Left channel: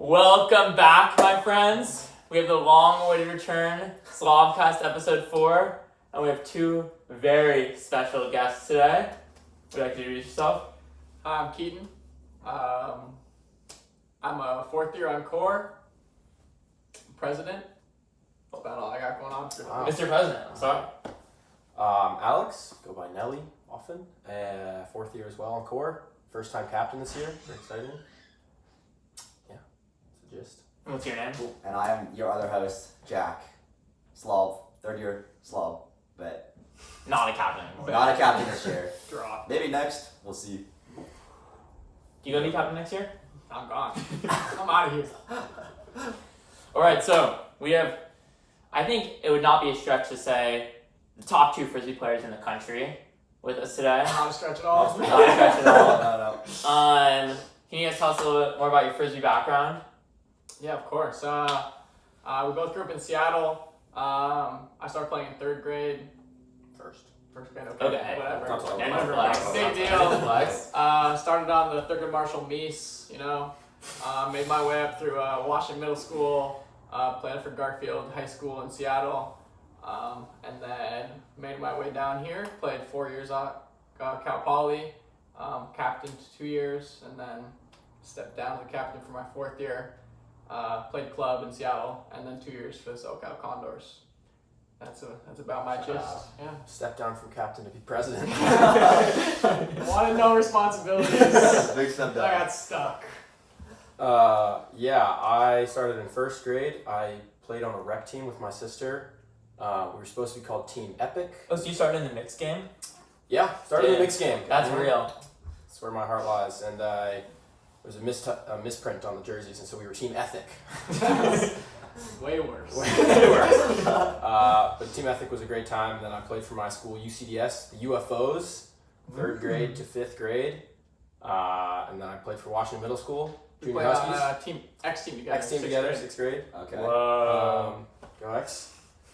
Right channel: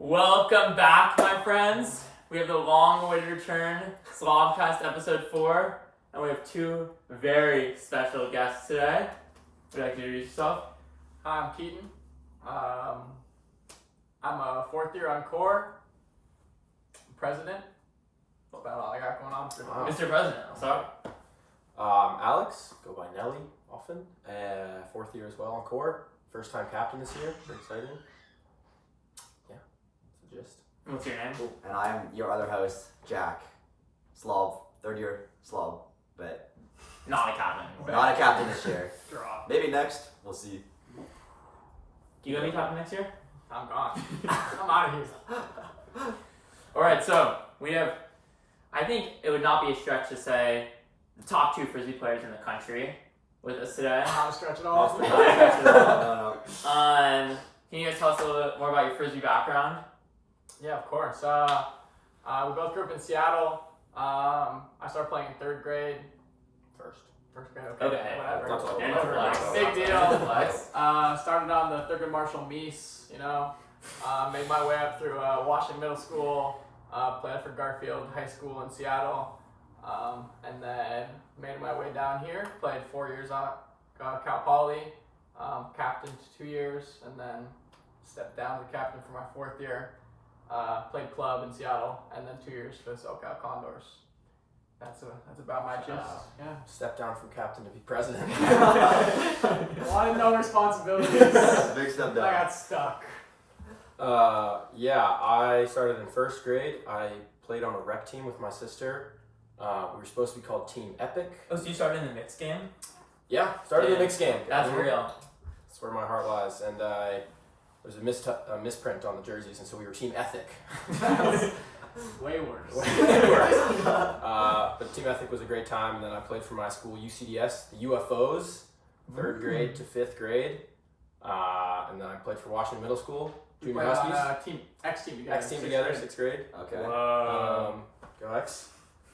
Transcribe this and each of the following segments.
Welcome back, my friends. We have the long-awaited return, SLOB-Cast episode 4, and we have two very special guests today. Would you like to introduce yourself? I'm Keaton. I'm a fourth year on core. President. That's about all I got going on. Wow. Mr. President, sorry. Alex, go by Nelly often. Fourth year as well on core. First time captain this year. Very exciting. Yeah, that's the gist. What's your name? Cool. And I am your other host, Jack. SLOB, third year SLOB, but Not a captain anymore. not a captain this year. Drop. Maybe next, we'll see. You gonna be captain next year? I'm gone. I'm out of here. Alright, so we have, I think it would not be a stretch to say, the top two frisbee players in the country with us today. Not a stretch at all. Not a stretch at all. No. Can you guys tell us a little bit more about your frisbee background? Yeah, of course. We both grew up in Seattle. I started playing in third grade. First grade, okay. Whatever. That's all. Whatever. Flex. Big deal. Flex. Started on the Thurgood Marshall Meese, made my way up through Washington Middle School, played for Garfield High School in Seattle, and then made my way down here, played 4 years at Cal Poly, captained 2 years, and then stepped down to the captain for my fourth year, played club in Seattle, and then 2 years for the SoCal Condors. That's about my gist. Yeah. Step down from captain to be president. Wanted no responsibilities. Big step I down. got stuck. I started in first grade. I played on a rec team with my sister. We were supposed to be called Team Epic. Oh, so you started in the mixed game? Yeah, started in the mixed game. That's real. That's where my heart lies. And there was a misprint on the jerseys, and so we were Team Ethic. Way worse. Way worse. But Team Ethic was a great time. And then I played for my school, UCDS, the UFOs, third grade to fifth grade. And then I played for Washington Middle School, We Junior played Huskies. on X team together. X team sixth together, grade. sixth grade. Okay. Whoa. Go X.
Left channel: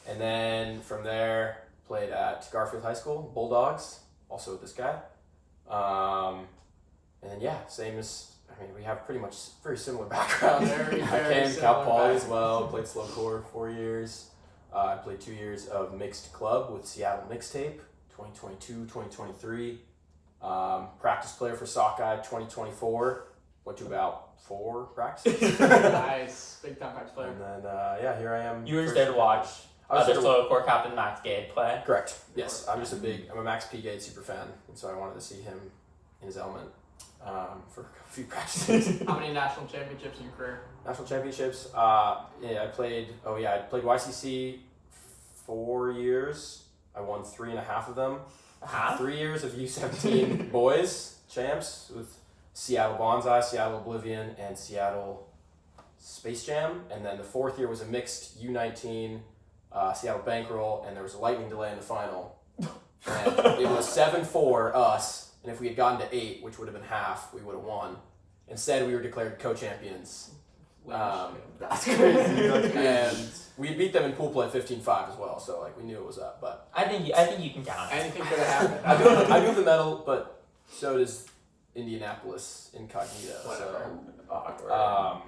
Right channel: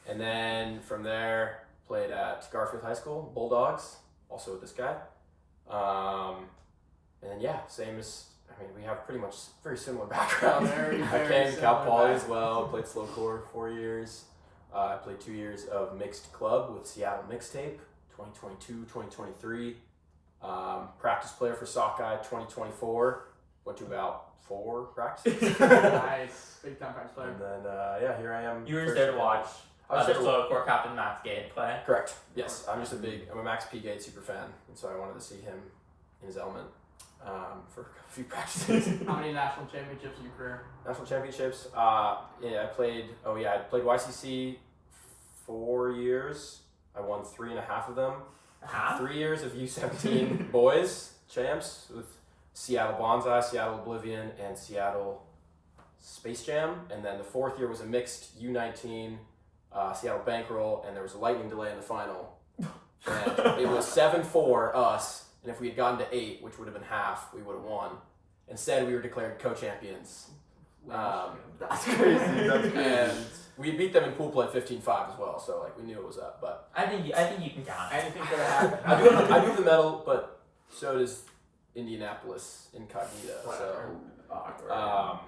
And then from there, played at Garfield High School, Bulldogs, also with this guy. And then, we have pretty much very similar background. Very, I very came Cal similar Poly as background. well, played slow core 4 years. I played 2 years of mixed club with Seattle Mixtape, 2022, 2023. Practice player for Sockeye 2024. Went to about 4 practices. Nice. Big time practice player. And then, here I am. You were just first there to year watch I was other there to slow core captain Max Gade play. Correct. Yes, I'm a Max P. Gade super fan, and so I wanted to see him in his element for a few practices. How many national championships in your career? National championships. I played YCC 4 years. I won 3.5 of them. Huh? 3 years of U17 boys champs with Seattle Bonsai, Seattle Oblivion, and Seattle Space Jam. And then the fourth year was a mixed U19 Seattle Bankroll, and there was a lightning delay in the final. And it was 7-4 us, and if we had gotten to 8, which would have been half, we would have won. Instead, we were declared co-champions. That's crazy. That's crazy. And we beat them in pool play 15-5 as well, so we knew it was up. But I think you can count it. Anything could have happened. I do have the medal, but so does Indianapolis Incognito. Whatever. So,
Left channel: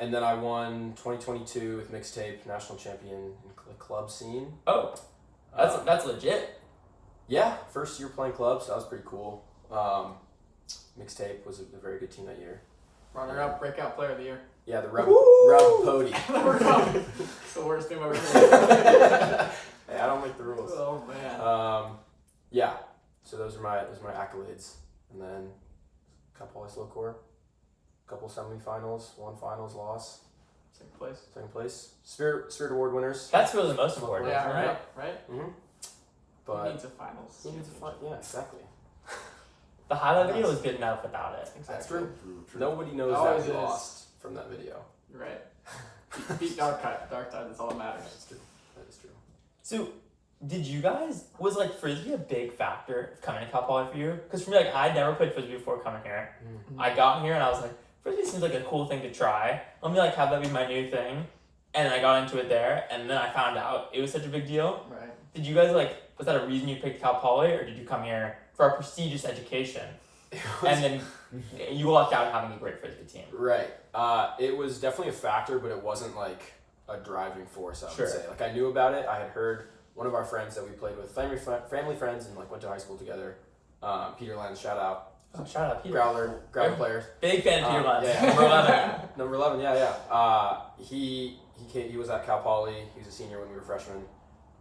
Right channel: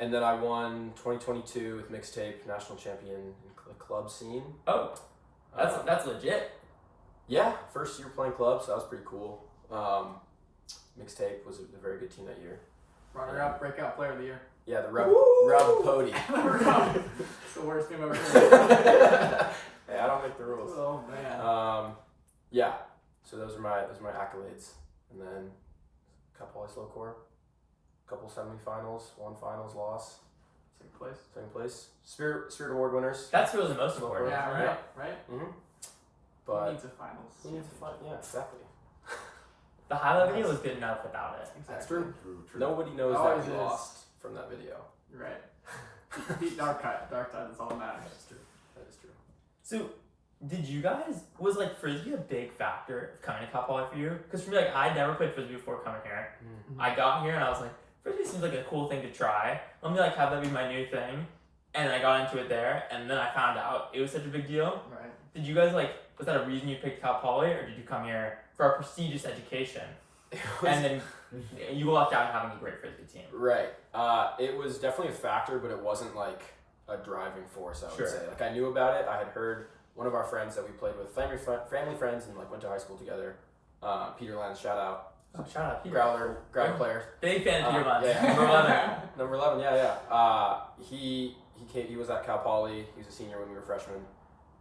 and then I won 2022 with Mixtape, national champion in the club scene. Oh, that's legit. Yeah, first year playing club, so that was pretty cool. Mixtape was a very good team that year. Runner-up, breakout player of the year. Yeah, the Rub Woo! Pody. It's the worst team I've ever seen. Hey, I don't make the rules. Oh man. So those are my accolades, and then Cal Poly slow core, couple semifinals, 1 finals loss, second place. Spirit Award winners. That's really the most important. Yeah, isn't it? right. Mm-hmm. Who But needs a finals? who needs a yeah, exactly. The highlight video was good enough without it. That's Exactly. true. Nobody knows Always that we is. lost from that video. You're right. Beat Dark Tide. Dark Tide, that's all that matters. That's true. That is true. So, did you guys, was frisbee a big factor of coming to Cal Poly for you? Because for me, I'd never played frisbee before coming here. Mm-hmm. I got here and I was like, frisbee seems like a cool thing to try. Let me have that be my new thing. And then I got into it there, and then I found out it was such a big deal. Right. Did you guys was that a reason you picked Cal Poly, or did you come here for a prestigious education? And then you lucked out having a great frisbee team. Right. It was definitely a factor, but it wasn't like a driving force, I would Sure. say. Like, I knew about it. I had heard one of our friends that we played with, family friends, and like went to high school together. Peter Lanz, shout out. Oh, shout out Peter. Growler player. Big fan of Peter Lanz. Yeah. Number 11. Number 11, yeah. He was at Cal Poly. He was a senior when we were freshmen,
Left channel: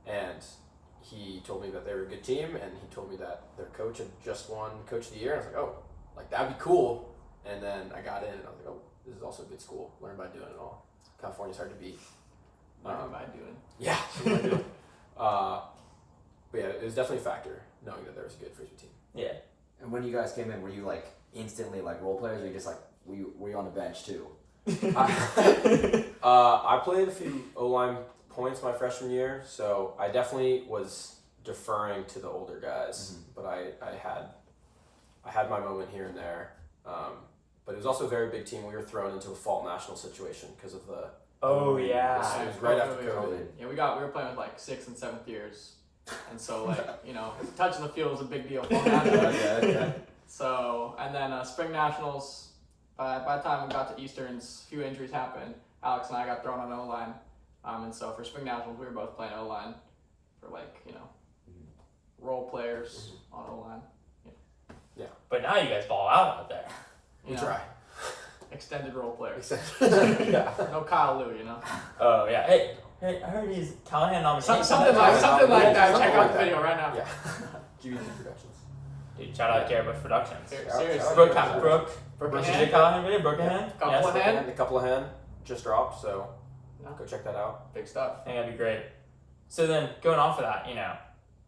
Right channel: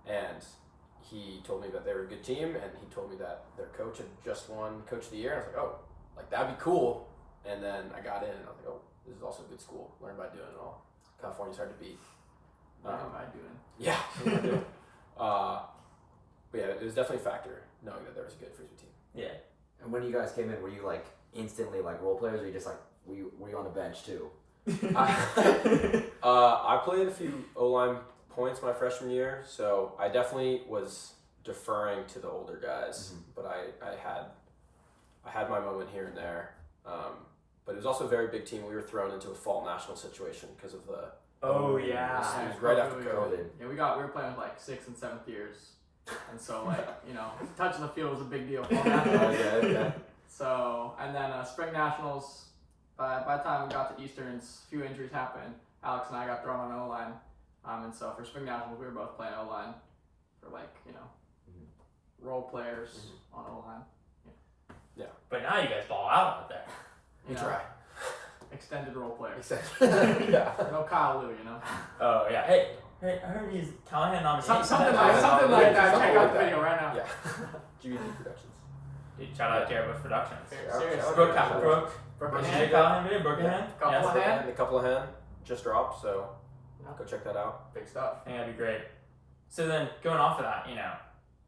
and he told me that they were a good team, and he told me that their coach had just won Coach of the Year. And I was like, oh, like that'd be cool. And then I got in, and I was like, oh, this is also a good school. Learn by doing it all. California's hard to beat. What am I doing? Yeah, learn by doing. But yeah, it was definitely a factor knowing that there was a good frisbee team. Yeah. And when you guys came in, were you like instantly like role players, or you just like were you on the bench too? I played a few O-line points my freshman year, so I definitely was deferring to the older guys. But I had my moment here and there. But it was also a very big team. We were thrown into a fall national situation because of the. Oh yeah. It was right after COVID. COVID. Yeah, we were playing with like 6th and 7th years, and so like touching the field was a big deal. Fall nationals. Okay. So and then spring nationals. By the time we got to Easterns, a few injuries happened. Alex and I got thrown on O-line, and so for spring nationals we were both playing O-line for role players on O-line. But now you guys ball out there. We try. Extended role players. Yeah. No Kyle Lou, Oh yeah. Hey, I heard he's Callahan nominated. Something like that. Something Check like out the that. video right now. Yeah. GBT Productions. Dude, shout out Garrett Productions. Seriously. Brooke. Brooke Did you Hand. do Callahan video? Brookehan? Couplehan. Yes. Hand. The Couplehan just dropped, so Yeah. go check that out. Big stuff. I think that'd be great. So then, going off of that,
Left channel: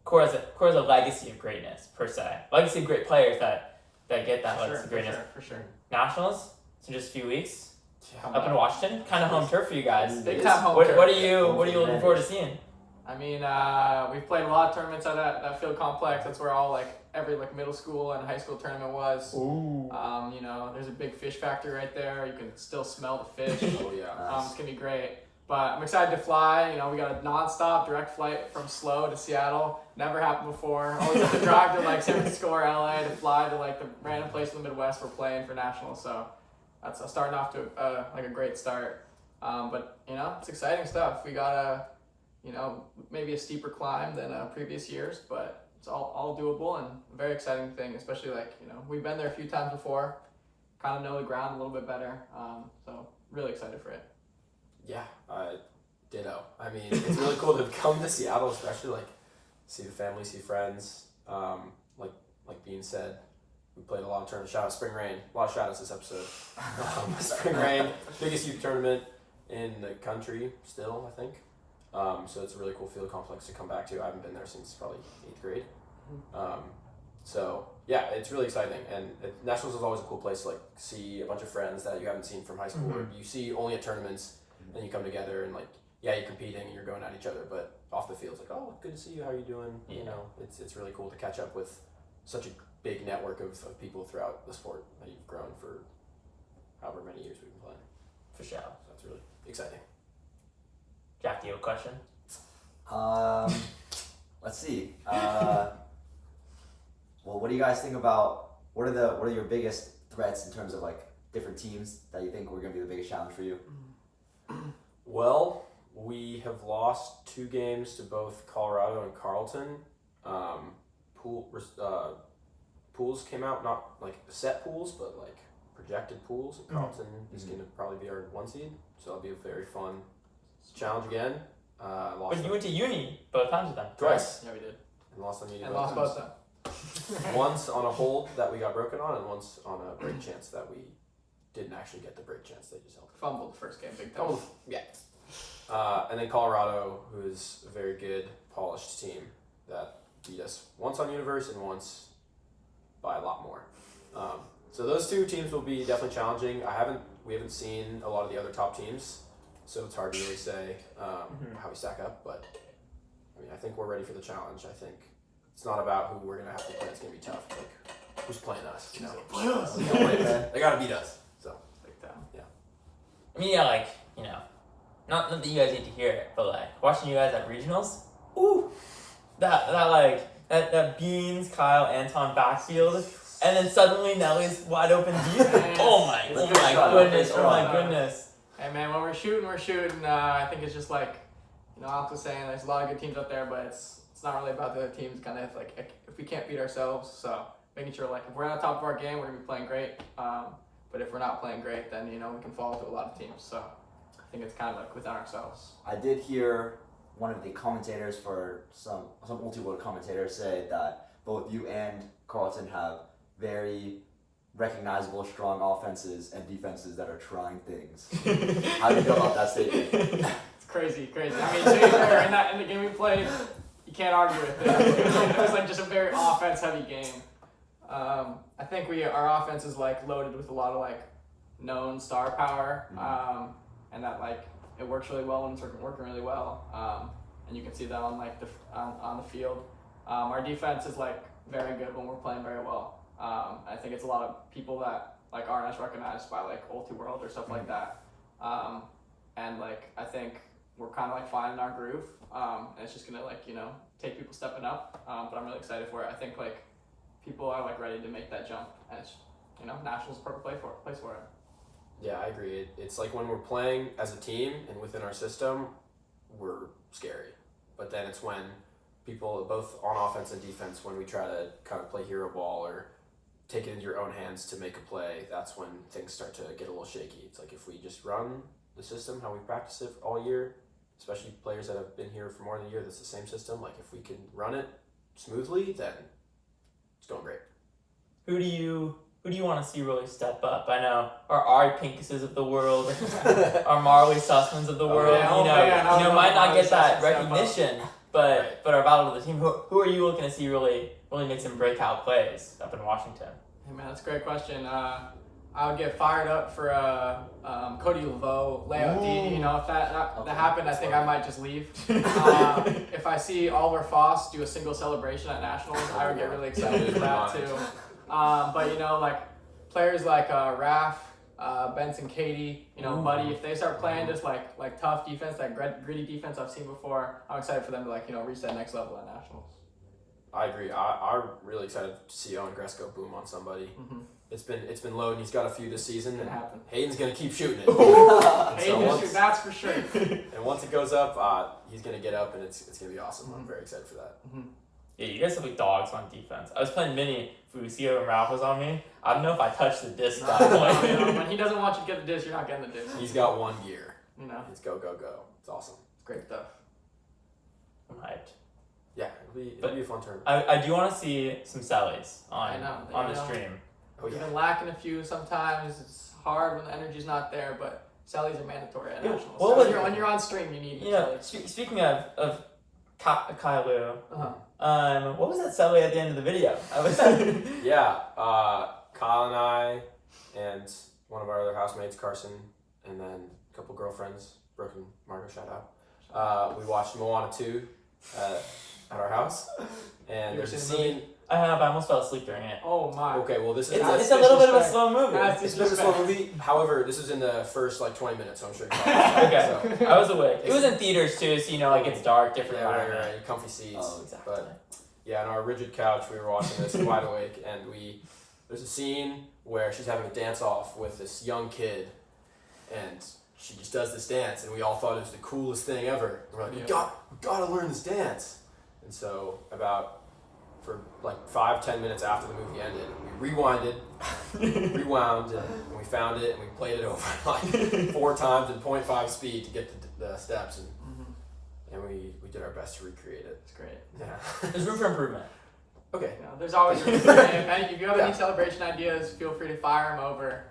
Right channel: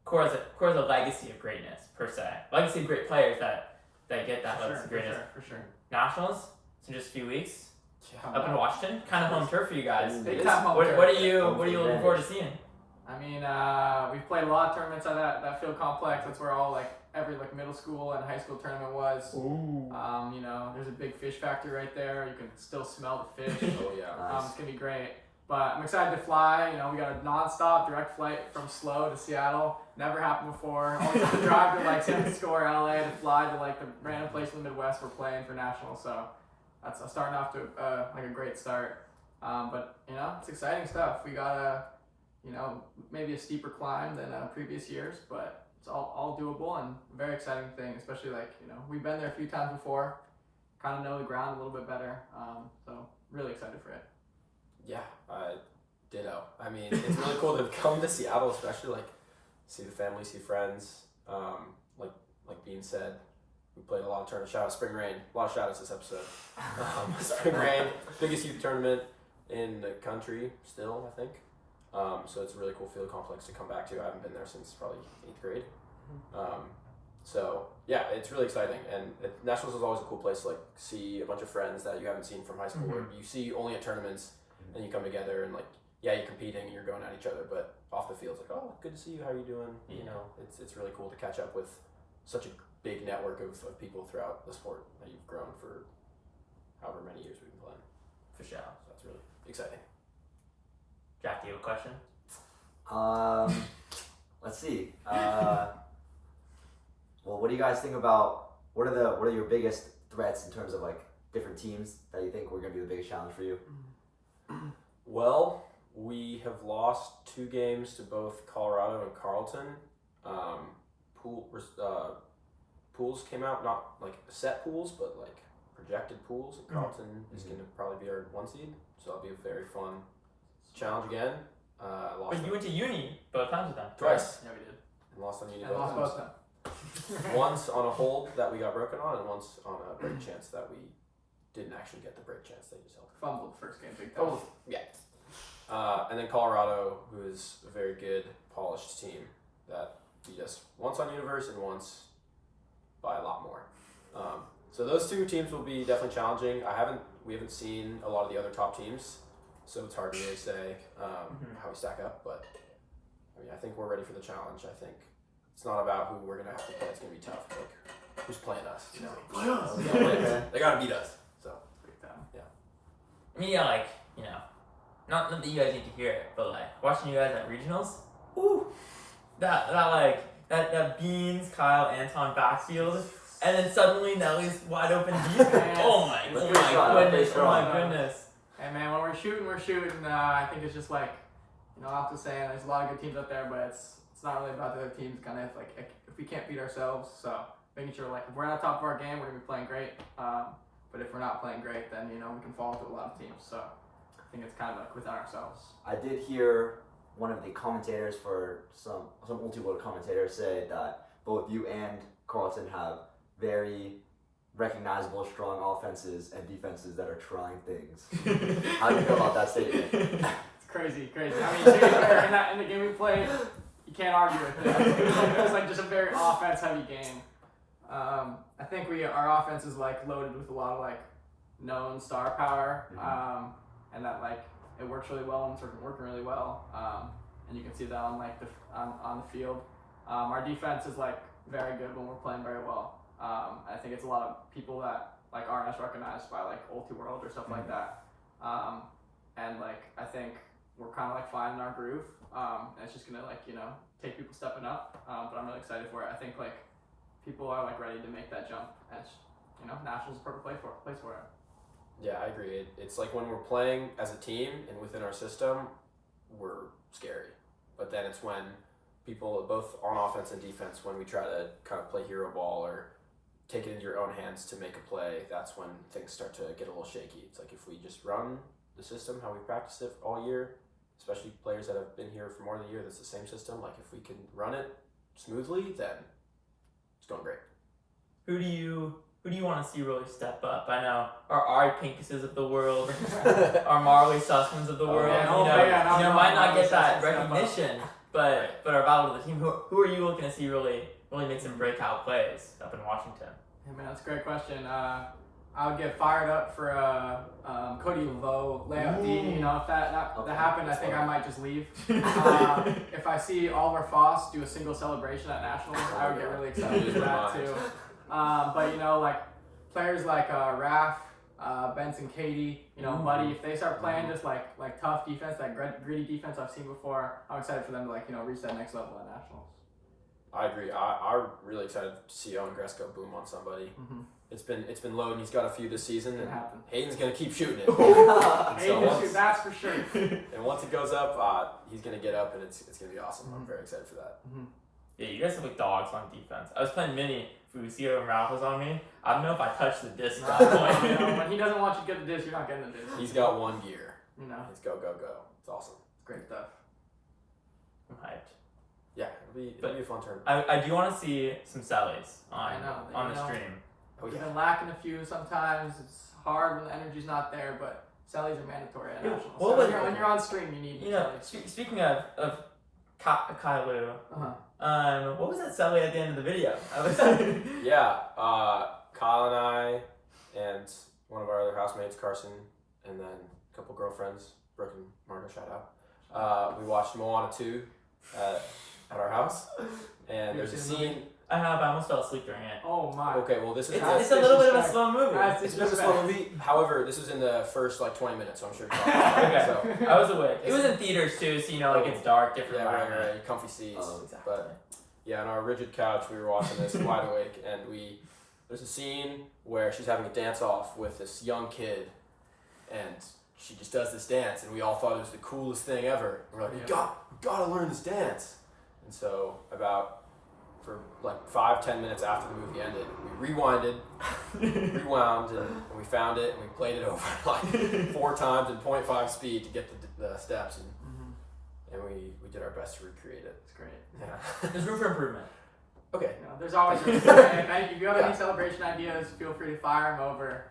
Core has a legacy of greatness per se. Legacy of great players that get that legacy of greatness. For sure. Nationals, in just a few weeks, Come up in on. Washington, kind of home turf for you guys. Big time home What turf. are you looking forward to seeing? I mean, we've played a lot of tournaments at that field complex. That's where all every middle school and high school tournament was. Ooh. There's a big fish factory right there. You can still smell the fish. Oh yeah. It's gonna be great. But I'm excited to fly. We got a non-stop direct flight from SLO to Seattle. Never happened before. Always have to drive to San Francisco or LA to fly to the random place in the Midwest we're playing for nationals. So that's starting off to a great start. But it's exciting stuff. We got maybe a steeper climb than previous years, but it's all doable and a very exciting thing. Especially we've been there a few times before, kind of know the ground a little bit better. So really excited for it. Yeah, ditto. I mean, it's really cool to come to Seattle, especially see the family, see friends. Like Bean said, we played a lot of tournaments. Shout out Spring Rain. A lot of shout outs this episode. Spring Rain, biggest youth tournament in the country still, I think. So it's a really cool field complex to come back to. I haven't been there since probably 8th grade. So yeah, it's really exciting. And Nationals is always a cool place to see a bunch of friends that you haven't seen from high school, or you see only at tournaments. And you come together and you're competing and you're going at each other, but off the field it's oh, good to see you, how are you doing? It's really cool to catch up with such a big network of people throughout the sport that you've grown for however many years we've been playing. For sure. So that's really exciting. Jack, do you have a question? Let's see. Well, what do you guys think about what are your biggest threats in terms of different teams that you think were going to be the biggest challenge for you? Well, we have lost 2 games to both Colorado and Carleton. Pools came out, not set pools, but projected pools, and Carleton is going to probably be our 1 seed, so that'll be a very fun challenge again. But you went to uni both times with them. Twice. Yeah, we did. And lost on uni And both lost times. both of them. Once on a hold that we got broken on, and once on a break chance that we didn't actually get the break chance. They just held. Fumbled the first game, big time. Yeah. And then Colorado, who is a very good, polished team that beat us once on Universe and once by a lot more. So those 2 teams will be definitely challenging. We haven't seen a lot of the other top teams, so it's hard to really say how we stack up. But I mean, I think we're ready for the challenge. I think it's not about who we're gonna have to play. It's gonna be tough. Who's playing us? They gotta beat us. So Big time. I mean, not that you guys need to hear it, but watching you guys at regionals, ooh, that Beans, Kyle, Anton backfield, and then suddenly Nelly's wide open deep. Yes. Oh my Let's go shot, goodness! let's go Oh my shot. goodness! Hey man, when we're shooting. I think it's just like, Alex was saying, there's a lot of good teams out there, but it's not really about the other teams. Kind of like if we can't beat ourselves, so making sure like if we're on top of our game, we're gonna be playing great. But if we're not playing great, then we can fall into a lot of teams. So I think it's kind of like within ourselves. I did hear one of the commentators for some multi-world commentators say that both you and Carlton have very recognizable, strong offenses and defenses that are trying things. How do you feel about that statement? It's crazy. I mean, in the game we played, you can't argue with it. It was like just a very offense-heavy game. I think our offense is like loaded with a lot of like known star power, and that like it works really well when it's working really well, and you can see that on like on the field. Our defense is like very good when we're playing very well. I think it's a lot of people that like aren't as recognized by like Ulti-World or stuff like that, and like I think we're kind of like finding our groove, and it's just gonna like take people stepping up, but I'm really excited for it. I think like people are like ready to make that jump, and it's Nationals is the perfect place for it. Yeah, I agree. It's like when we're playing as a team and within our system, we're scary. But then it's when people, both on offense and defense, when we try to kind of play hero ball or take it into your own hands to make a play, that's when things start to get a little shaky. It's like if we just run the system how we practice it all year, especially players that have been here for more than a year, that's the same system. Like if we can run it smoothly, then it's going great. Who do you want to see really step up? I know our Ari Pinkuses of the world, our Marley Sussmans of the world. Yeah, Might not get that Sussman step recognition, but are vital to the team. Who are you looking to see really make some breakout plays up in Washington? Hey man, that's a great question. I would get fired up for Cody Laveau layup D. If that happened, I think I might just leave. If I see Oliver Foss do a single celebration at Nationals, I would get really excited for that too. But like players like Raph, Benson, Katie, Buddy, if they start playing just like tough defense, that gritty defense I've seen before, I'm excited for them to reach that next level at Nationals. I agree. I'm really excited to see Owen Gresko boom on somebody. Mm-hmm. It's been low, and he's got a few this season, and happened. Hayden's gonna keep shooting it. That's for sure. And once it goes up, he's gonna get up, and it's gonna be awesome. Mm-hmm. I'm very excited for that. Mm-hmm. Yeah, you guys have like dogs on defense. I was playing mini Fusio and Ralph was on me. I don't know if I touched the disc that point. When he doesn't want you to get the disc, you're not getting the disc. He's got one gear. It's go. It's awesome. It's great stuff. I'm hyped. Yeah, it'll be a fun tournament. I do want to see some sellies on the know. stream. Oh yeah. We've been lacking a few sometimes. It's hard when the energy's not there, but sellies are mandatory at Nationals. Well, So when you're on stream, you need sellies. Speaking of Kailu, what was that selly at the end of the video? Yeah, Kyle and I and one of our other housemates, Carson, and then a couple girlfriends, Brooke and Margo, shout out. We watched Moana 2 at our house, and there's a scene. I have. I almost fell asleep during it. Oh my. Okay, well this is It's a little bit of a slow movie. It's a bit of a slow movie. However, this is in the first 20 minutes, so I'm sure. Okay. So, I was awake. It was in theaters too, so it's dark, different yeah, environment. right. Comfy seats. Oh, exactly. But yeah, on our rigid couch, we were watching this wide awake, and there's a scene where she's having a dance off with this young kid, and she just does this dance, and we all thought it was the coolest thing ever. And we're like, we gotta learn this dance. And so for 5-10 minutes after the movie ended, we rewound, and we found it, and we played it over 4 times in 0.5 speed to get the steps, and we did our best to recreate it. It's great. Yeah. There's room for improvement. Okay. There's always room for improvement. If you have any celebration ideas, feel free to fire them over.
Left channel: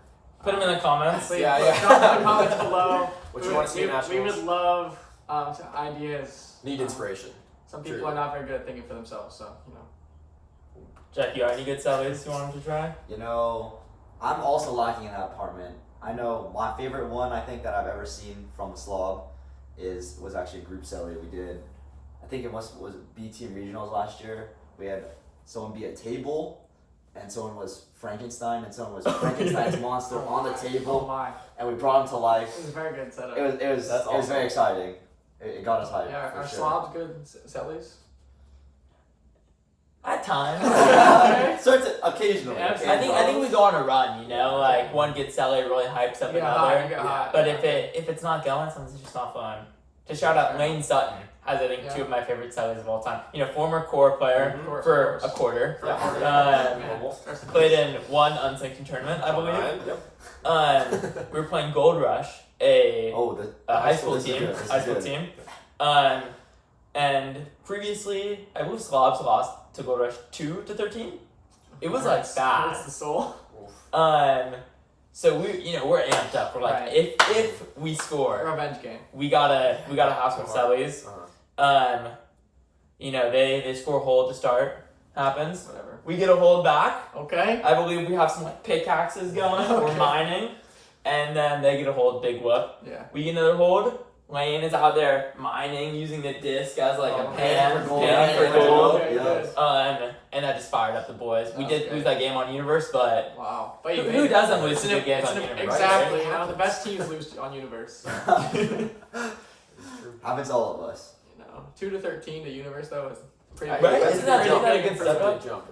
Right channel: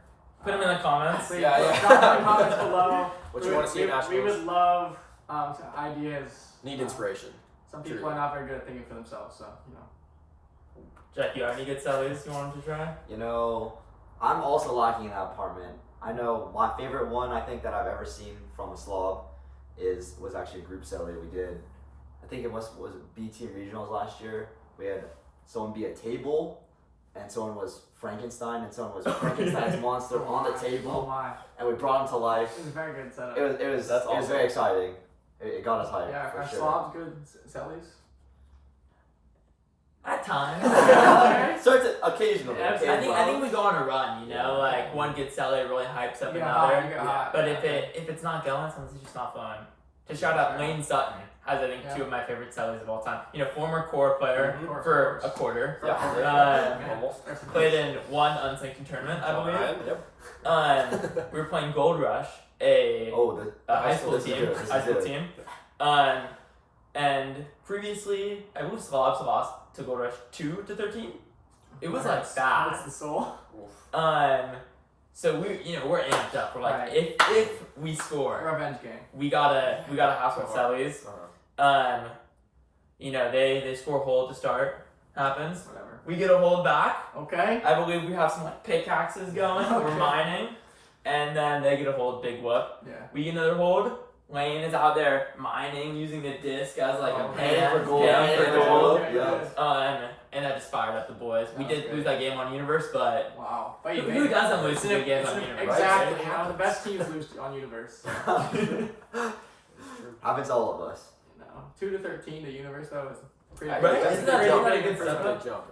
Put them in the comments. Please, Yeah. drop them in the comments below. What you want to see in Nationals? We would love some ideas. Need inspiration. Some people are not very good at thinking for themselves, so Jack, you got any good sellies you want them to try? I'm also lacking in that apartment. I know my favorite one I think that I've ever seen from a slob was actually a group celly we did. I think it was B team regionals last year. We had someone be a table, and someone was Frankenstein, and someone was Frankenstein's monster on the table, and we brought him to life. It was a very good setup. It was very exciting. It got us hyped. Yeah, for are sure. slobs good sellies? At times. Starts occasionally. Yeah, I think we go on a run, you know, like one gets Sally really hypes up another. But if it's not going, sometimes it's just not fun. To shout out Lane Sutton has I think two of my favorite sellers of all time. You know, former core player for a quarter. Played in one unsanctioned tournament, I believe. Yep. We were playing Gold Rush, a high school team. And previously, I believe SLOBs lost to Gold Rush 2-13. It was like bad. Hurts the soul. So we're amped up. We're like, if we score, Revenge game. we gotta house our Sellies. They score a hold to start. Happens. Whatever. We get a hold back. Okay. I believe we have some like pickaxes going. We're mining, and then they get a hold. Big whoop. Yeah. We get another hold. Lane is out there mining, using the disc as like a pan for gold. And that just fired up the boys. We did lose that game on Universe, but wow. who doesn't lose good games on Universe? Exactly. You know, the best teams lose on Universe. Happens to all of us. 2-13 to Universe though is pretty. Right? Isn't that a good That's step? a big jump.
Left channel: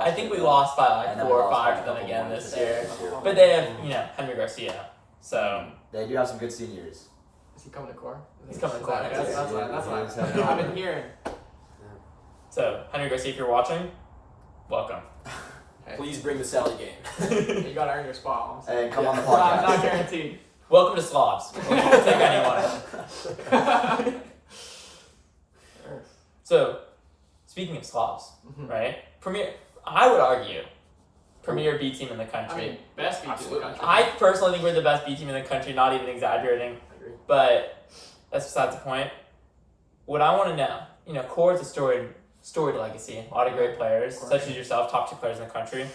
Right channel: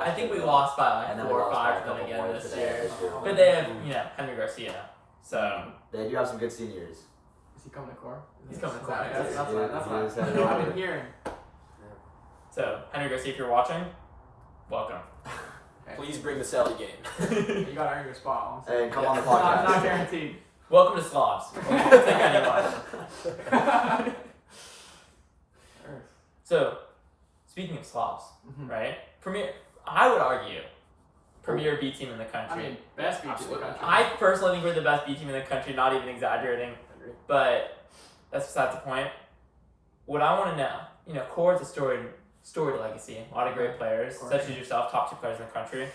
I think we lost by like 4 or 5 to them again this year. But they have Henry Garcia, so they do have some good seniors. Is he coming to core? He's coming to core. That's I've been hearing. So Henry Garcia, if you're watching, welcome. Please bring the Sally game. You gotta earn your spot. And come on the podcast. Not guaranteed. Welcome to SLOBs. We'll take anyone. So, speaking of SLOBs, right? I would argue, premier B team in the country. I mean, best B team in the country. I personally think we're the best B team in the country, not even exaggerating. Agree. But that's besides the point. What I want to know, Core is a storied legacy. A lot of great players, such as yourself, top 2 players in the country,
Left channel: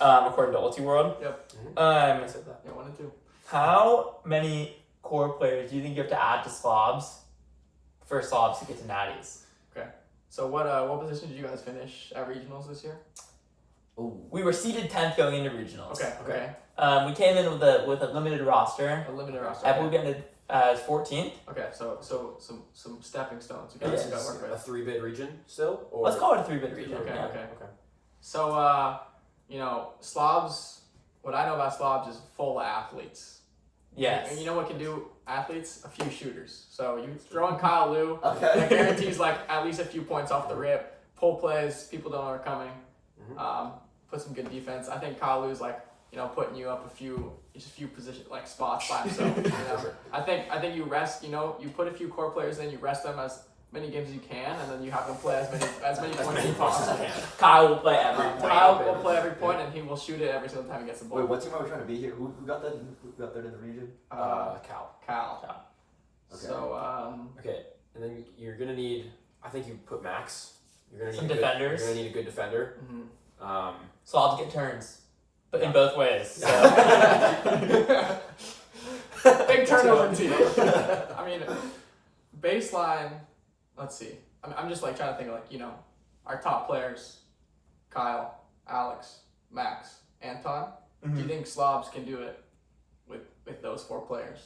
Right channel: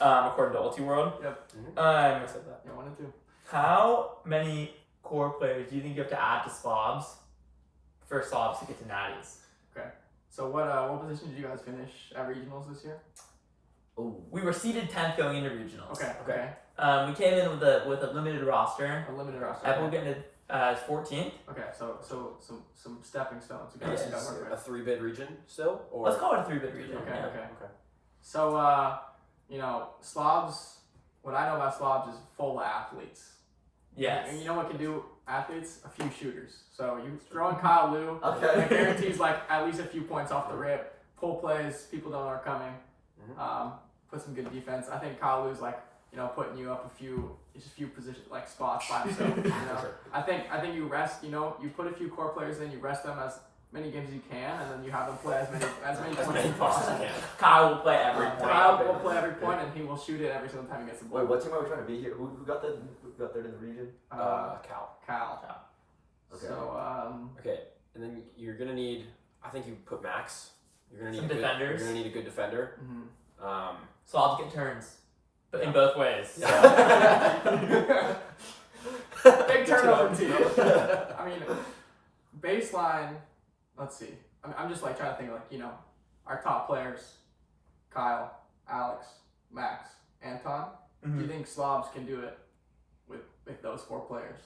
according to Ulti World. Yep. I said that. Yeah, 1 and 2. How many Core players do you think you have to add to SLOBs for SLOBs to get to Natties? So what position did you guys finish at regionals this year? We were seeded 10th going into regionals. Okay. We came in with a limited roster. A limited roster. I believe we ended as 14th. Okay, so some stepping stones. You It guys is. got to work A with. 3-bid region still? Or? Let's call it a 3-bid region. Okay. Yeah. Okay. So SLOBs. What I know about SLOBs is full of athletes. Yes. And you know what can do athletes? A few shooters. So you throw in Kyle Lou. Okay. That guarantees like at least a few points off the rip. Pull plays, people don't know are coming. Put some good defense. I think Kyle Lou's like putting you up a few position like spots by himself. I think you rest. You put a few core players in. You rest them as many games as you can, and then you have them play as many points as you possibly can. Kyle will play every point. Kyle will play every point, and he will shoot it every single time he gets the ball. Wait, what team are we trying to be here? Who got that? Who got third in the region? Cal. Okay. So Okay, and then you're gonna need. I think you put Max. You're gonna need Some defenders. You're gonna need a good defender. SLOBs get turns, but in both ways. So. Big turnover team. I mean, baseline. Let's see. I'm just like trying to think like our top players: Kyle, Alex, Max, Anton. Do you think SLOBs can do it with those 4 players?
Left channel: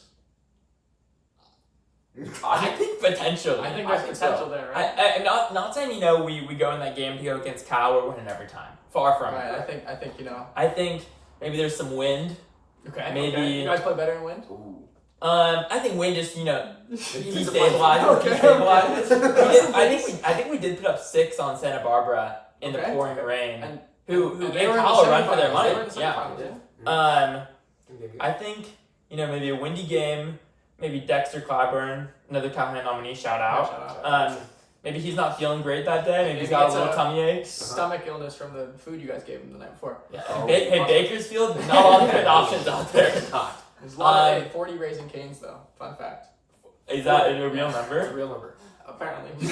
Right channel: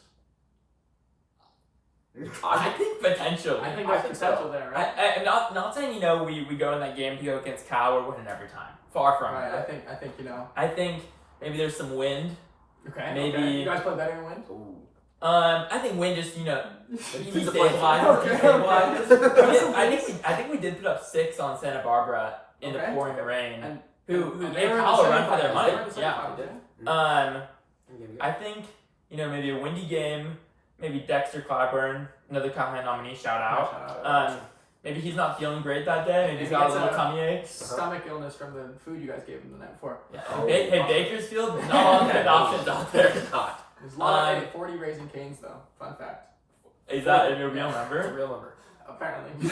I think potentially. I think there's potential there, right? I'm not saying we go in that game to go against Cal. We're winning every time. Far from right. it. I think I think maybe there's some wind. Okay. Maybe you guys play better in wind. Ooh. I think wind just Keep destabilizes. I think we did put up 6 on Santa Barbara in the pouring rain. And who they gave were in the Kyle a run for their semifinals. money. They were in the semifinals, Yeah. I think maybe a windy game. Maybe Dexter Clyburn, another Callahan nominee. Shout out. Maybe he's not feeling great that day. Maybe he's got a little tummy ache. Stomach illness from the food you guys gave him the night before. Yeah. Hey, Bakersfield, not a lot of good options out there. There's a lot of 40 Raising Canes though. Fun fact. Is that a real It's a number? real number. Apparently.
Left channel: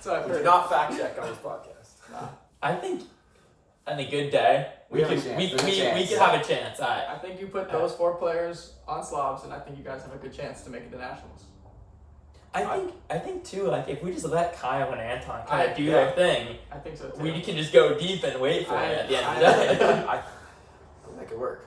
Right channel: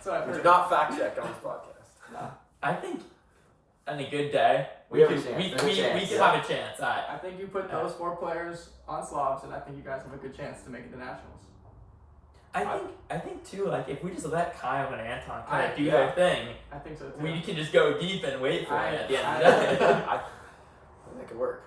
So I've We do heard. not fact check on this podcast. Nah. I think on a good day, We have a chance. we There's a chance. could have a chance. I think you put those 4 players on SLOBs, and I think you guys have a good chance to make it to nationals. I think too. Like if we just let Kyle and Anton kind of do their thing, I think so too. we can just go deep and wait for it at the end of the day. I think that could work.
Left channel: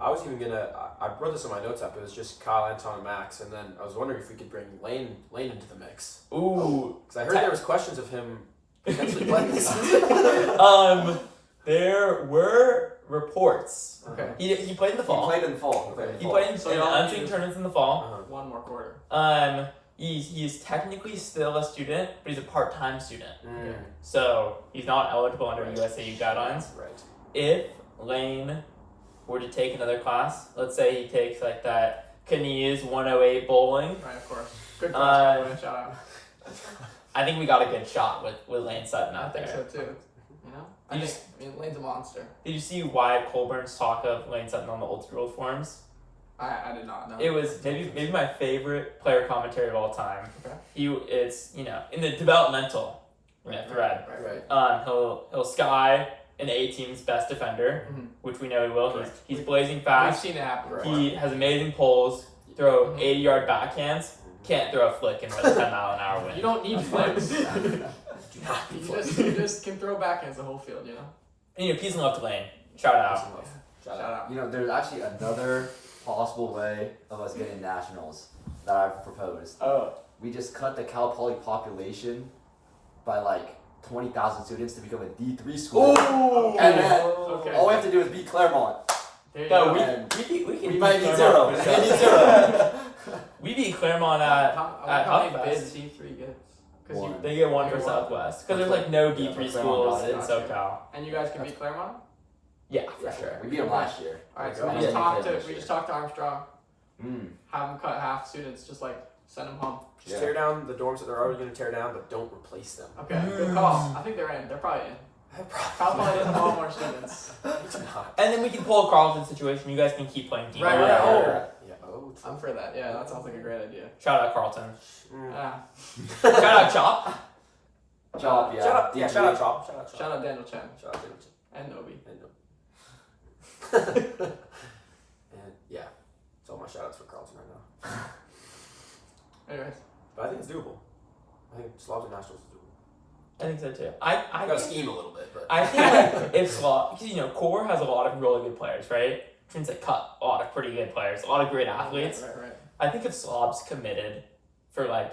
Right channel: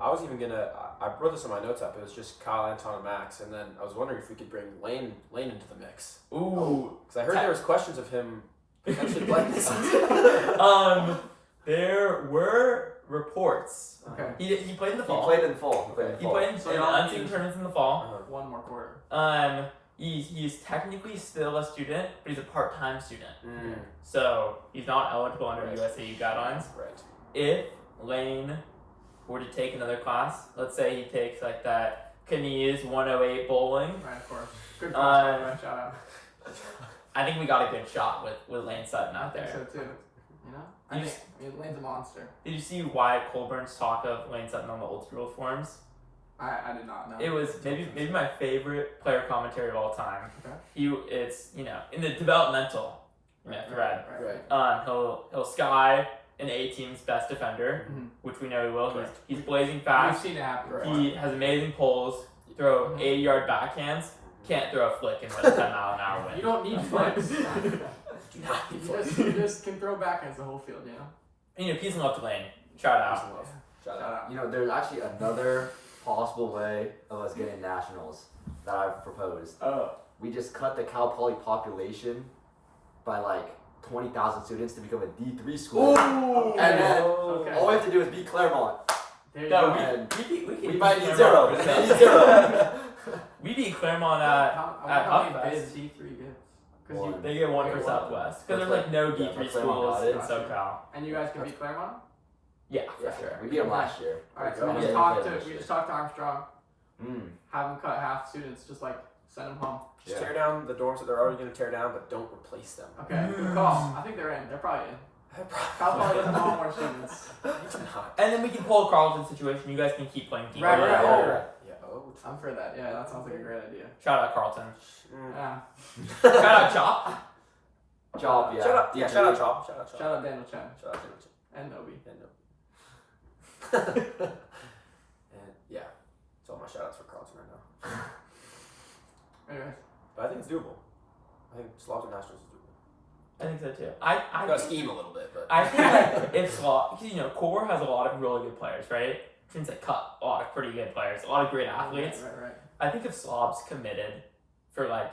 I was even gonna. I wrote this in my notes app. It was just Kyle, Anton, and Max, and then I was wondering if we could bring Lane into the mix. Ooh, Because I heard there was questions of him potentially playing this season? There were reports. Okay. He played in the fall. He played in the fall. He played in So the y'all unseeded tournaments in the fall. One more quarter. He's technically still a student, but he's a part-time student. Mm. So he's not eligible under Right. USAU guidelines. Right. If Lane were to take another class, let's say he takes like that Canese 108 bowling, Right, of course. Good class, by the way. Shout out. I think we got a good shot with Lane Sutton I out think there. so too. You know? You I mean, Lane's a monster. Did you see Wyatt Colburn's talk of Lane Sutton on the Old School forums? I did not know. It was maybe my favorite player commentary of all time. Okay. It's in the developmental thread. Right. He'll sky an A team's best defender, Mhm. which we know he will. Correct. He's blazing We've fast. seen it happen before. He has amazing pulls. Throw Mhm. 80-yard backhands. Can't throw a flick and win a 10-mile-an-hour win. You don't need flicks. Do not be You just can throw backhands the whole field, you know? Peace and love to Lane. Shout out. Shout Shout out. out. You know, there's actually another possible way of us getting nationals that I've proposed. Oh. We just cut the Cal Poly population by like 20,000 students to become a D3 school. Ooh. And then Okay. all we have to do is beat Claremont. There you No, go. we can We might beat need Claremont zero. for We sure. need zero. We beat Claremont at How many Huffest. bids D3 gets? Because One. They get one They for get one. Southwest because there's like no Yeah, D3 but Claremont schools got in it. SoCal. and you guys can beat Claremont? Yeah, for sure. We beat them last year. All right, There so you we go. just Yeah, talked we to played this we year. just talked to Armstrong. Mm. Have them cut half students, just like send them home. Just Yeah. tear down the dorms that they're already going to tear down, but don't replace them. Okay, good call. I think they're in. They're probably in. Cal Poly doesn't want more students. And then we can pull a Carlton situation. You guys can keep playing D. Right, right. Oh. Yeah. Oh. I'm for that. Yeah, that sounds like a great idea. Shout out Carlton. Mm. Yeah. Shout out Chop. Job, yeah. Shout out, yeah, D3. shout out Chop. Shout out Chop. Shout out Daniel Chen Shout out David. and Nobi. And yeah, it's all my shout outs for Carlton right now. Anyways, But I think it's doable. I think Slobs and Nationals is doable. I think so too. I gotta think, scheme a little bit, but I think like if Slob, because Core has a lot of really good players, right? Which means they cut a lot of pretty good players, a lot of great athletes. Right. I think if Slob's committed for like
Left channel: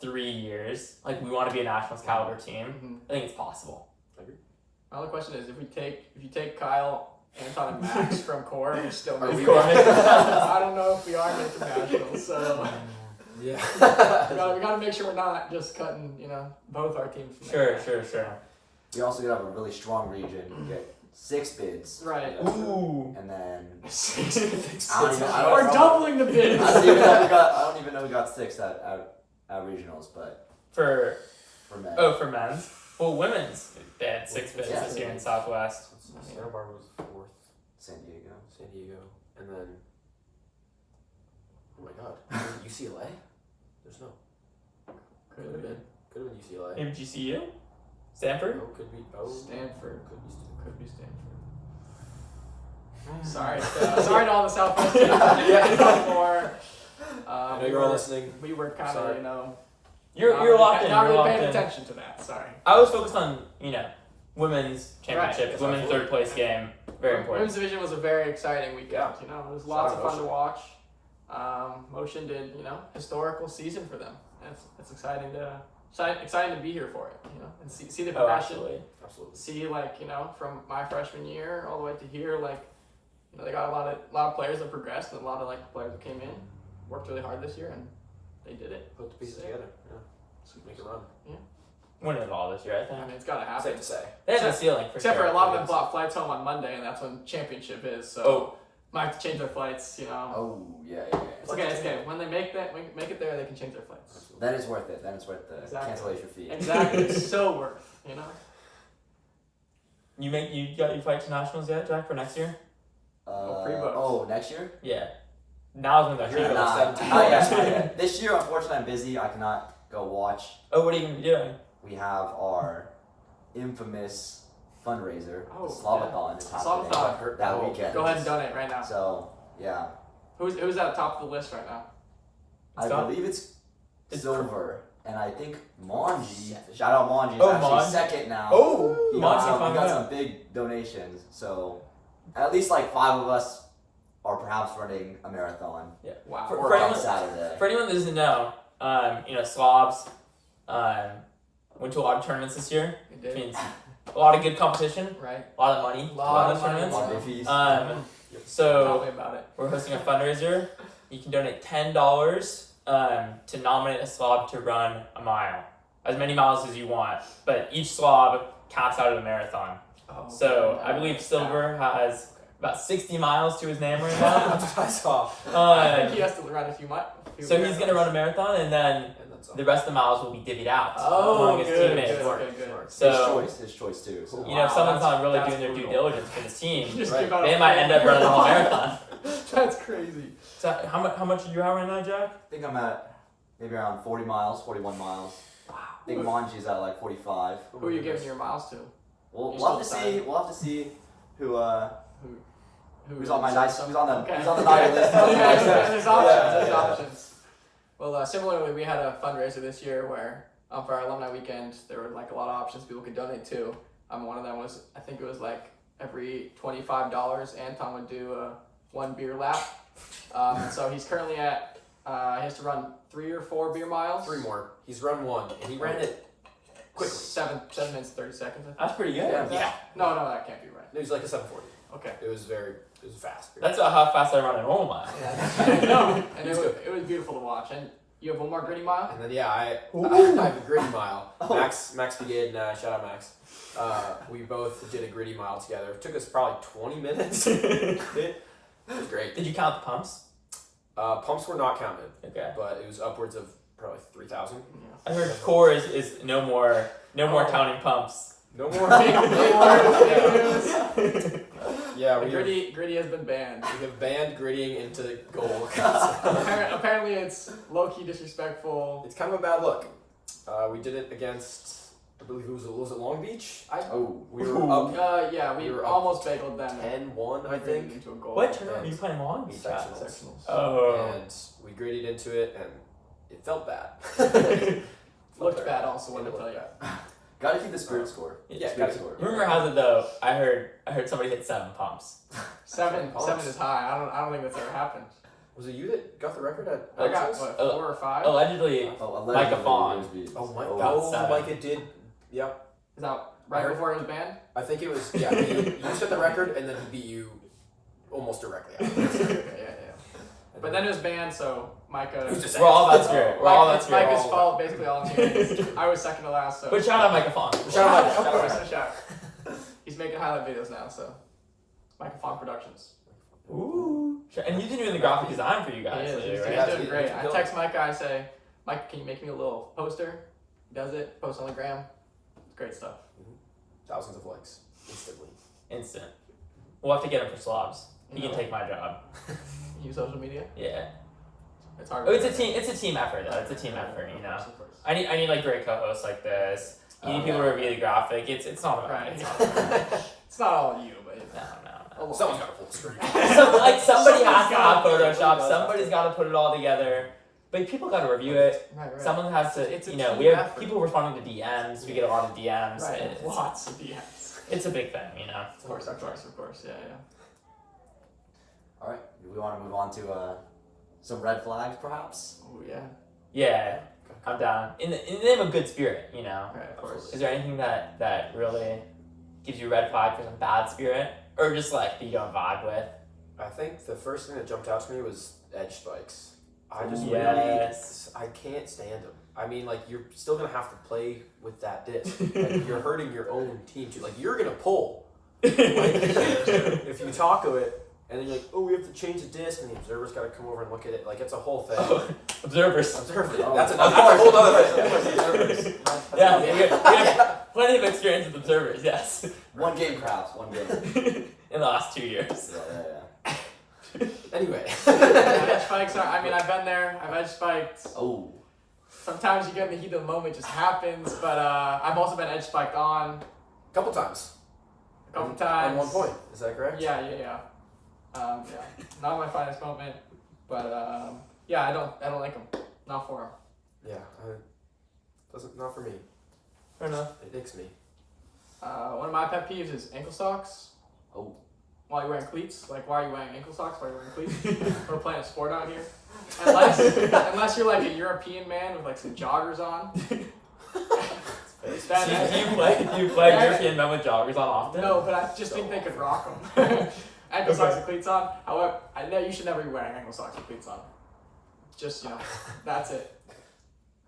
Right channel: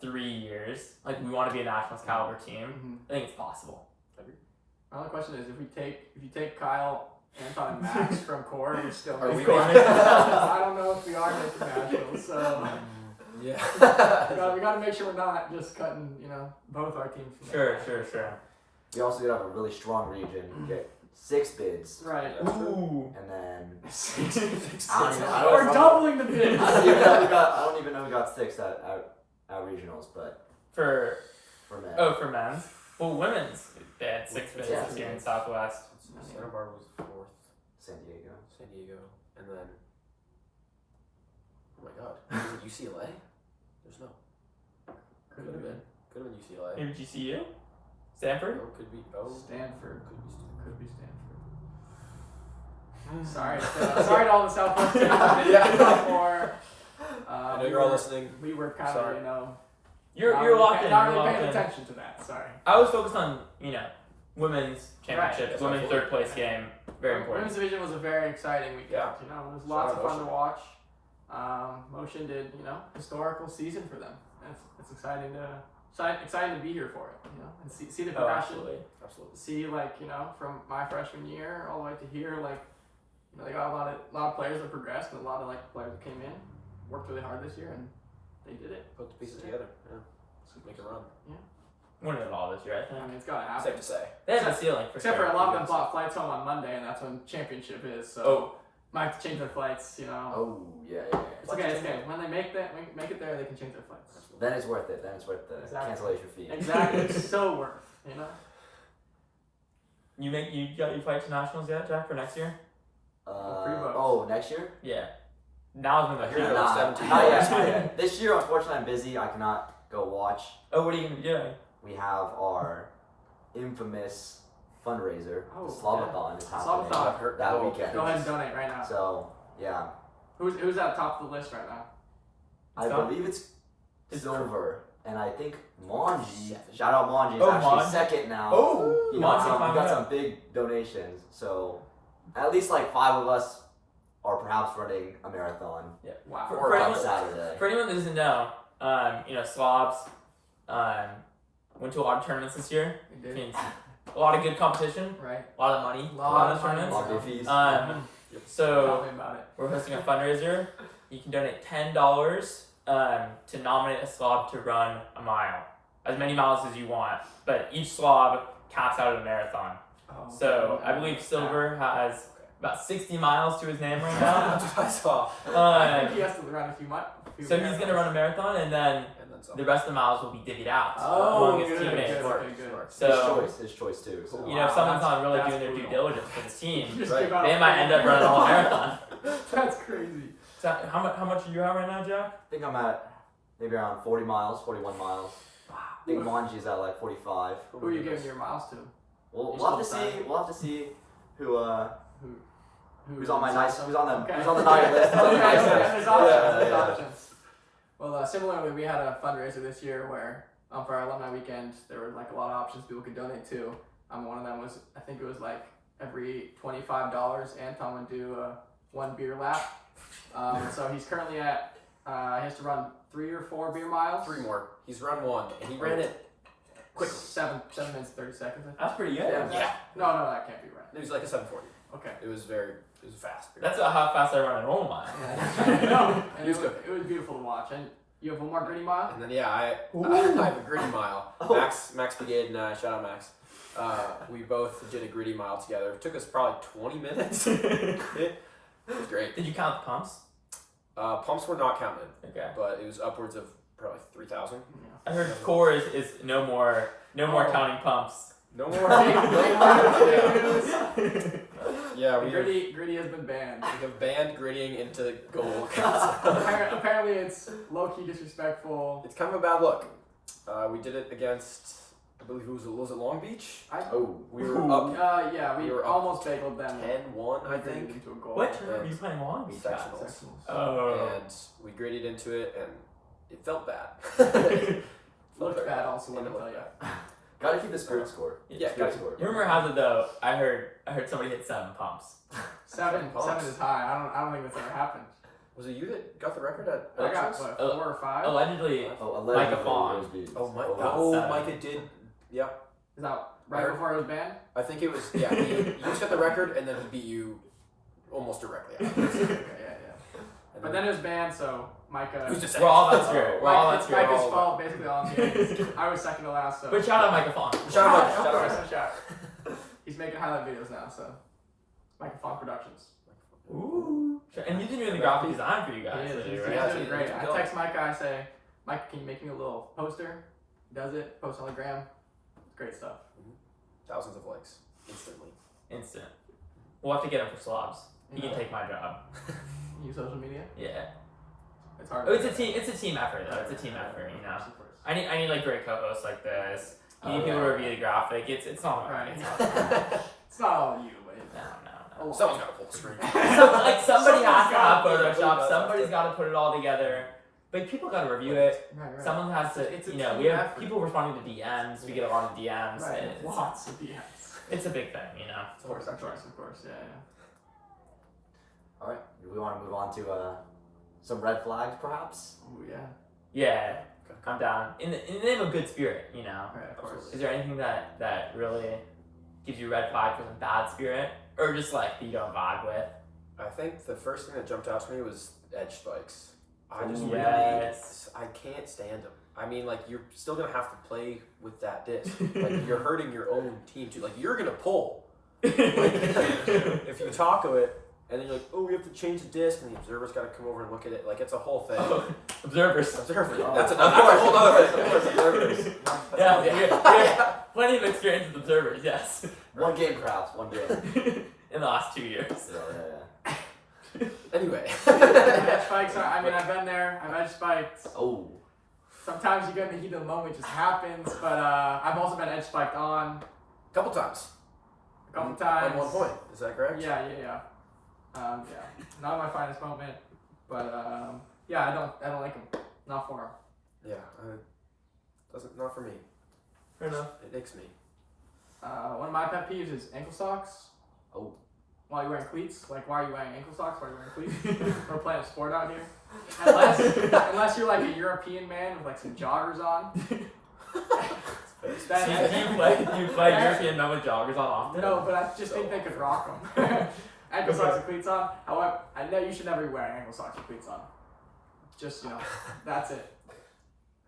3 years, like we want to be a nationals caliber team, Mm-hmm. I think it's possible. My only question is, if you take Kyle, Anton, and Max from core, we're still Are making we nationals. making- I don't know if we are making nationals, so yeah. we gotta make sure we're not just cutting, both our teams from Sure. We also have a really strong region. We get 6 bids. Right. Ooh. And then We're know. doubling the bids. I don't even know we got 6 at regionals, but For men. for men's. Well, women's they had 6 bids Yeah. this year in Southwest. Santa Barbara was 4th, San Diego. San Diego, and then oh my God, UCLA. There's no. Could have been. Could have been UCLA. Maybe GCU? Stanford? No, could be. Oh, Stanford. could be Stanford. Could be Stanford. Sorry to all the Southwest teams. Yeah. I I know you're all listening. We were kind Sorry. of, You're locked in. Not You're really locked paying in. attention to that. Sorry. I was focused on, women's championships, Right. women's Absolutely. 3rd place game. Very important. Women's division was a very exciting weekend. Yeah. It was Shout lots out of fun to Motion. watch. Motion did, historical season for them. And it's exciting to be here for it, and see the Oh, progression. absolutely. Absolutely. See from my freshman year all the way to here, they got a lot of players that progressed and a lot of players that came in, worked really hard this year, and they did it. Put the pieces together. Yeah. Make a run. Winning it all this year, I I think. mean, it's got to happen. Safe to say. They have the ceiling for Except sure. for a lot of them bought flights home on Monday, and that's when championship is. So Oh. might have to change their flights. Oh, yeah. It's okay. It's okay. When they make it there, they can change their flights. Then it's worth it. Then it's worth the Exactly. cancellation fee. Exactly. It's so worth. You got your flight to nationals yet, Jack, for next year? pre-books. Next year? Yeah. Now's when You're the not- Nah, 17 not yet, hours. not yet. This year, unfortunately, I'm busy. I cannot go watch. Oh, what are you gonna be doing? We have our infamous fundraiser, Oh, the SLOB-A-thon is happening SLOB-A-thon. that weekend. Go ahead and donate right now. So, yeah. Who's at the top of the list right now? I done? believe it's It's silver. And I think Manji, shout out Manji, is Oh, actually Manji. second now. Oh, He Monty got some big donations. So, at least 5 of us are perhaps running a marathon. Wow. For on anyone- Saturday. For anyone that doesn't know, Slobs, went to a lot of tournaments this year. You Which did. means a lot of good competition, Right. a lot of money, A lot to of run those money. tournaments. Lot of fees. Tell So me about it. we're hosting a fundraiser. You can donate $10 to nominate a slob to run a mile, as many miles as you want. But each slob counts out of a marathon. Oh, So okay. I believe Silver has about 60 miles to his name right now. That's what I saw. I think he has to run a few miles. So he's gonna run a marathon, and then And then some. the rest of the miles will be divvied out Oh, among his good, teammates. good. Smart, Okay, good. smart. So His choice too. So. you know, if someone's not really that's doing their due brutal. diligence for this team, You just Right. give out they a might full- end up running the whole marathon. That's crazy. So how much are you at right now, Jack? I think I'm at maybe around 40 miles, 41 miles. I think Manji's at like 45. Who are you giving your miles to? We'll You're have to still see. We'll have to see who Who's who's on my nice who's on the Okay. who's on the night list. Okay, Nice okay, list. there's options. Yeah, There's yeah. options. Well, similarly, we had a fundraiser this year where for our alumni weekend, there were like a lot of options people could donate to. One of them was, I think it was like every $25, Anton would do a 1 beer lap. So he's currently at, he has to run 3 or 4 beer miles. 3 more. He's run 1, and he ran it quickly. 7 minutes, 30 seconds, I think. That's pretty good. Yeah. No, that can't be right. It was like a 7:40. Okay. It was fast. That's how fast I run a normal mile. No, and He was good. it was beautiful to watch. And you have one more gritty mile? And then I have a gritty mile. Oh. Max Brigade and I, shout out Max. We both did a gritty mile together. It took us probably 20 minutes. It was great. Did you count the pumps? Pumps were not counted, Okay. but it was upwards of probably 3,000. I heard core is no more Oh. counting pumps. No more. Yeah, we have, Gritty has been banned. we have banned grittying into goal. Apparently, it's low key disrespectful. It's kind of a bad look. We did it against, I believe it was it Long Beach? Oh. We were up Yeah, we We were up almost bageled them. 10-1, I think. Into a goal. What tournament were you playing Long Beach at? Sectionals. Oh. And we gritted into it, and it felt bad. Looked bad also, It let me tell looked you. bad. Gotta keep the spirit score. Yeah, Spirit gotta- score. Rumor has it though, I heard somebody hit 7 pumps. Seven Pumps. is high. I don't think that's ever happened. Was it you that got the record at I got Archers? what, Oh, 4 or 5? Allegedly, Oh, allegedly, Micah Fawn. it was beat. Oh, my, About oh, 7. Micah did. Yep. Is that I right heard- before it was banned? I think it was, yeah. You set the record, and then he beat you almost directly after. Okay, yeah. But then it was banned, so Micah. Who's to say? we're all about spirit. We're all about It's spirit. Micah's fault, basically all I'm saying. I was second to last, so. But shout out Micah Fawn. Shout out Micah. Of Shout out course, Micah. shout out. He's making highlight videos now, so. Micah Fawn Productions. Ooh. And he's been doing the graphic design for you guys He is. lately, He's, right? Yeah, doing he's great. doing I good. text Micah, I say, Micah, can you make me a little poster? He does it, posts on the gram. It's great stuff. Thousands of likes instantly. Instant. We'll have to get him for slobs. He can Yeah. take my job. You use social media? Yeah. It's hard. Oh, it's a team effort though. It's a team effort, you know. Of course. I need like great co-hosts like this. You need Oh, people yeah. to review the graphic. It's not about Right. me. It's not about me. It's not all you, but it's No. Someone's got to pull the string. Like somebody has to have Somebody Photoshop. does Somebody's have got to put it all together. But people got to review it. Right. Someone has to. It's a You know, team we have effort. people responding to DMs. We get a lot of DMs. Right. It's, Lots of DMs. it's a big thing, you know. Of course, yeah. All right. We want to move on to some red flags, perhaps. Oh yeah. Yeah, I'm down. In the name of good spirit, you know. Right, of course. Is there anything that really gives you a red flag for some bad spirit, or just like that you don't vibe with? I think the first thing that jumped out to me was edge spikes. I just Yes. I can't stand them. I mean, like, you're still gonna have to play with that disc. Like, you're hurting your own team too. Like, you're gonna pull. Like, if you taco it, and then you're like, oh, we have to change the disc, and the observer's got to come over and look at it. Like, it's a whole thing. Observers. Observers. Oh. That's a Of whole course. other thing. Of course, observers. Yeah, we have plenty of experience with observers. Yes. One game, perhaps. One game. In the last 2 years. Yeah. Anyway. Edge spikes are. I mean, I've been there. I've edge spiked. Oh. Sometimes you get in the heat of the moment, it just happens. But I've also been edge spiked on A couple times. a couple times. On one point. Is that correct? Yeah. Not my finest moment, but yeah, I don't like them. Not for them. Yeah. Not for me. Fair enough. It nicks me. One of my pet peeves is ankle socks. Oh. While you're wearing cleats, like why are you wearing ankle socks while you're wearing cleats? We're playing a sport out here. Unless you're like a European man with like some joggers on. Do you play European men with joggers on often? No, but I just think they could rock them. Ankle socks and cleats on. However, I know you should never be wearing ankle socks and cleats on. Just, that's it. I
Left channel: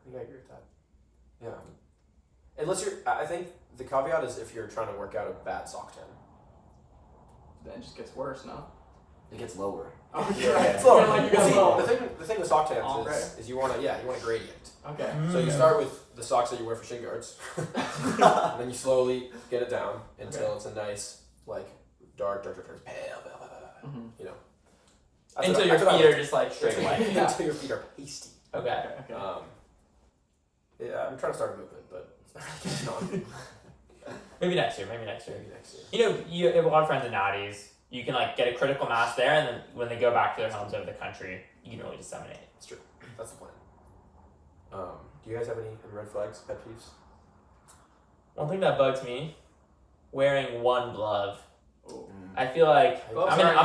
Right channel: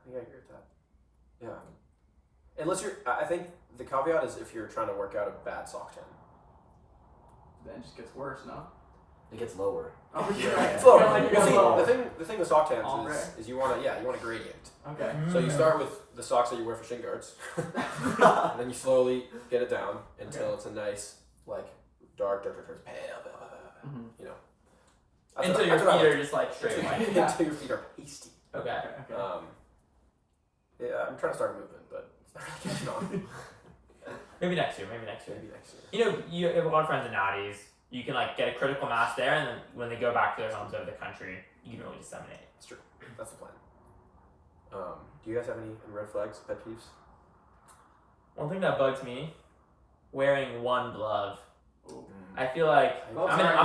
think I agree with that. Yeah. Unless I think the caveat is if you're trying to work out a bad sock tan. Then it just gets worse, no? It gets lower. Oh, Yeah, it's lower. like you Well, got see, lower. the thing with sock tans Ombre. is you want a gradient. Okay. So you start with the socks that you wear for shin guards, and then you slowly get it down until it's a nice dark, pale. Mm-hmm. Until your feet are just straight white. Until your feet are pasty. Okay. Yeah, I'm trying to start a movement, but it's not getting on. Maybe next year. You have a lot of friends in Natties. You can get a critical mass there, and then when they go back to their homes over the country, you can really disseminate it. That's true. That's the plan. Do you guys have any red flags, pet peeves? One thing that bugs me, wearing one glove. Ooh. I feel like I'm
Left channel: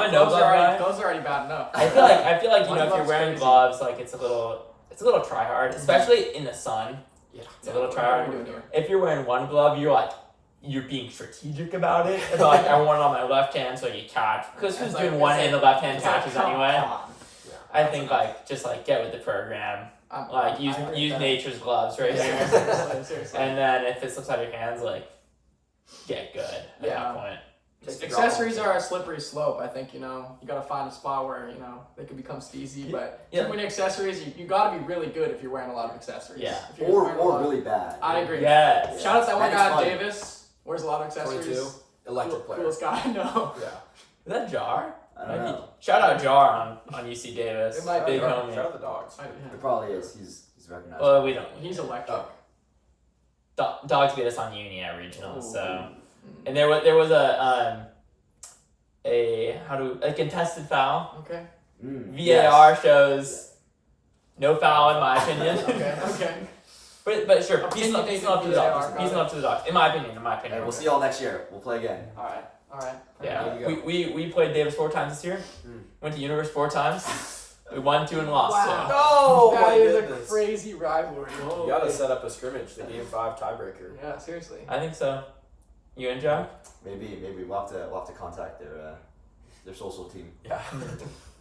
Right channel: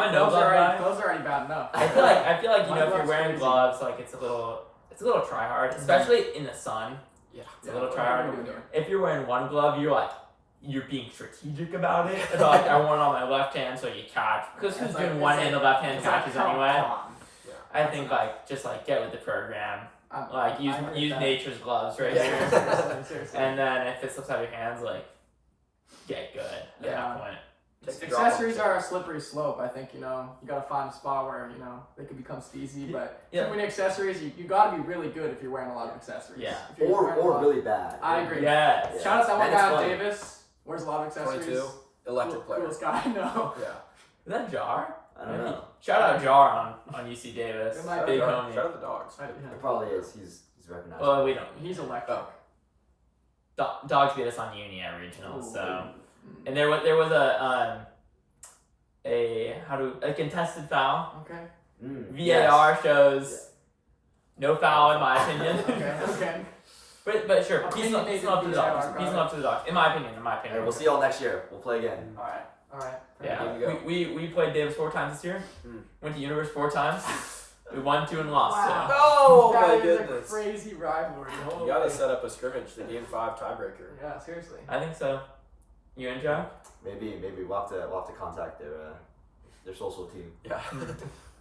a no glove guy. Gloves are already bad enough. I feel like if One you're glove's wearing crazy. gloves, it's a little try hard, especially in the sun. Yeah. It's a little try hard. What are you doing? If you're wearing one glove, you're being strategic about it. About I want it on my left hand so you catch. Because who's doing one hand, the left hand catches anyway. Yeah. I think just get with the program. Use I agree with use that. nature's gloves right Yeah, here. seriously. And then if it slips out of your hands, get good at Yeah. that point. Take the drop Accessories off. are a slippery slope. I think you gotta find a spot where they can become steezy. But too many accessories, you gotta be really good if you're wearing a lot of accessories. Yeah. If you're wearing a lot- Really bad. I agree. Yes. Yeah. Shout out to that one That is guy, funny. Davis. Wears a lot of accessories. 22, electric player. Coolest guy I know. Yeah. Is that Jar? I don't know. Shout out Jar on UC Davis. It might Big Shout homie. out the dogs. It probably is. He's recognized. Well, we don't. He's electric. Dogs beat us on uni at regionals, Ooh. so. And there was a contested foul. Okay. VAR shows no foul in my opinion. Okay. But sure, peace Opinion and love to the VAR, dogs. Peace and love to the dogs. In my opinion. Hey, we'll see y'all next year. We'll play again. All right. Yeah, Here we go. we played Davis 4 times this year. Went to Universe 4 times. We won 2 and lost. Wow. So. Oh That my is goodness. a crazy rivalry. You gotta set up a scrimmage, the game 5 tiebreaker. Yeah, seriously. I think so. You and Joe? Maybe we'll have to contact their social team. Yeah.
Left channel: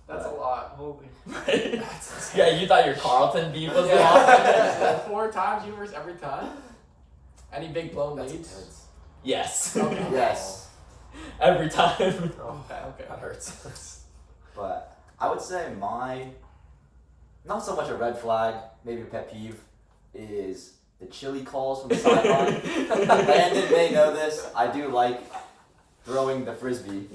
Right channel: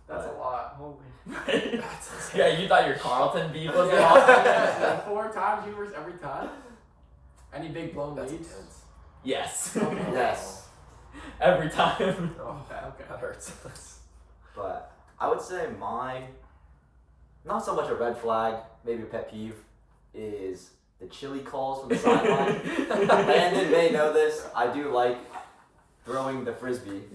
That's a lot. Holy. Yeah, you thought your Carlton beef was Yeah. lost? 4 times universe every time. Any big blown That's leads? intense. Yes. Okay. Yes, Every time. Oh, Okay. that hurts. but I would say not so much a red flag, maybe a pet peeve, is the chili calls from the sideline. Landon may know this. I do like throwing the frisbee.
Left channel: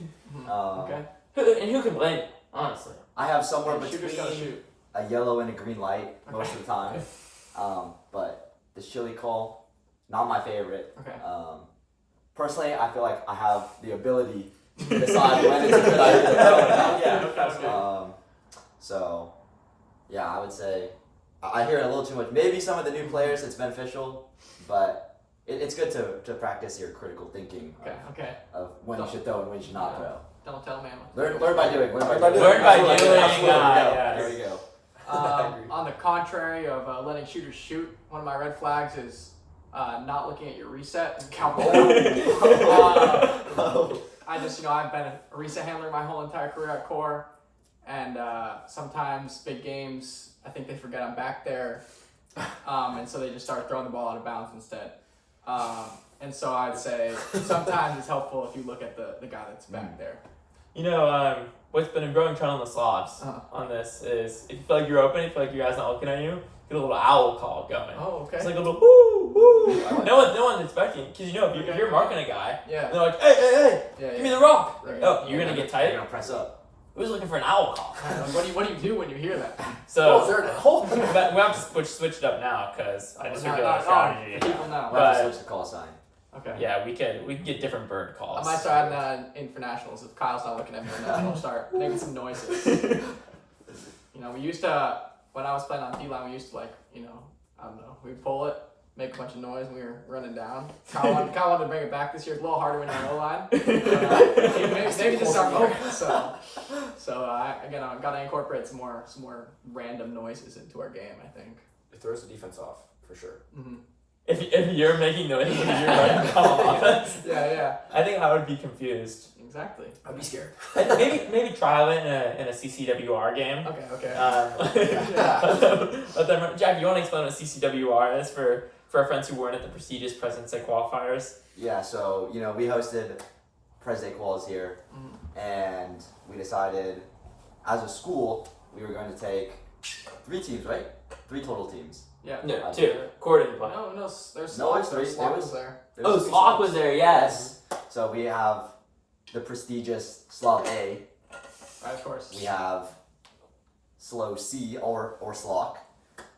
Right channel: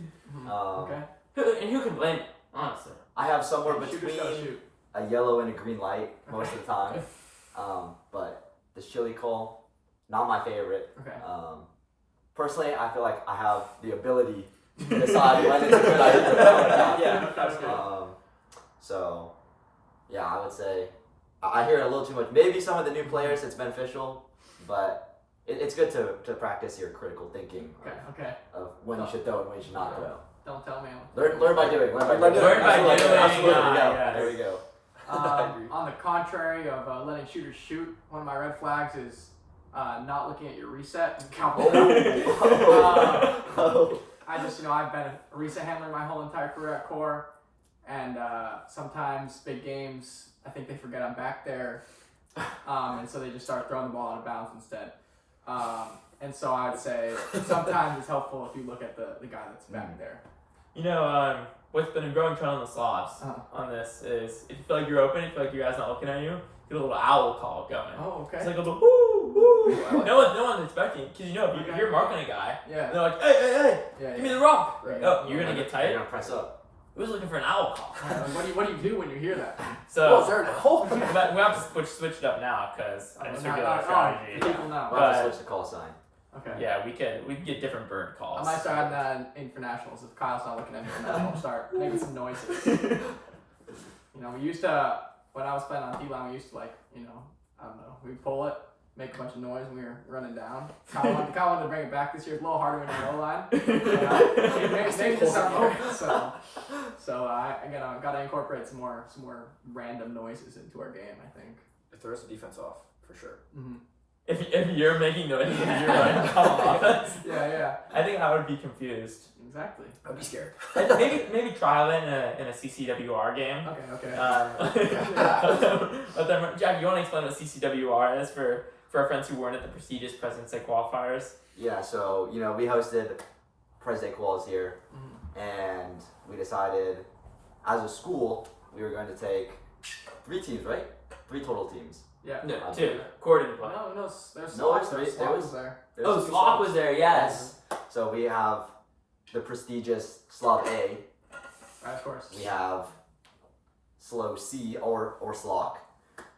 Okay. Who can blame it, honestly? I have somewhere Shooter's gotta between shoot. a yellow and a green light most Okay. of the time. Okay. But the chili call, not my favorite. Okay. Personally, I feel like I have the ability to decide when it's a good idea to throw it out. Yeah, that's good. So, yeah, I would say I hear it a little too much. Maybe some of the new players it's beneficial, but it's good to practice your critical thinking Okay. of when you should throw and when you should not throw. Don't tell me. Learn by doing. Learn by doing. Absolutely. Yeah. There we go. I agree. On the contrary of letting shooters shoot, one of my red flags is not looking at your reset and calculating. I just, I've been a reset handler my whole entire career at Core, and sometimes big games, I think they forget I'm back there, and so they just start throwing the ball out of bounds instead. And so I'd say sometimes it's helpful if you look at the guy that's back there. What's been a growing trend on the slobs on this is if you feel like you're open, if you feel like your guy's not looking at you, get a little owl call going. Oh, okay. It's like a little woo, woo. I like No one's expecting, because if you're marking a guy, Yeah. and they're like, hey, Yeah. give me the rump. Right. Oh, you're gonna get tight. You're gonna press up. Who's looking for an owl call? What do you do when you hear that? So Oh, is there a hole? but we have to switch it up now because I just revealed our strategy. People now. We'll have to But- switch the call sign. Okay. Yeah, we could get different bird calls. I might start having that in internationals if Kyle's not looking at me enough. I'll start making some noises. We used to, when I was playing on D-line, we used to I don't know, we'd pull it, make a bunch of noise when we were running down. Kyle wanted to bring it back this year. It's a little harder when you're on O-line. But, maybe this summer. So I got to incorporate some more random noises into our game, I think. It throws the defense off, for sure. Mm-hmm. if you're making noises and you're running on offense, Yeah. I think I would be confused. Exactly. I'd be scared. Maybe trial it in a CCWR game. Okay. Let them, Jack, you want to explain what CCWR is for our friends who weren't at the prestigious President's Day qualifiers? Yeah, so, we hosted Pres Day quals here, and we decided, as a school, we were going to take 3 teams, right? 3 total teams. Yeah. No, 2. Cord didn't play. No, there's No, Slob. there's 3. Slob was there. Oh, SLOB was there, yes. So we have the prestigious SLOB-A. Right, of course. We have SLOB-C or SLOC,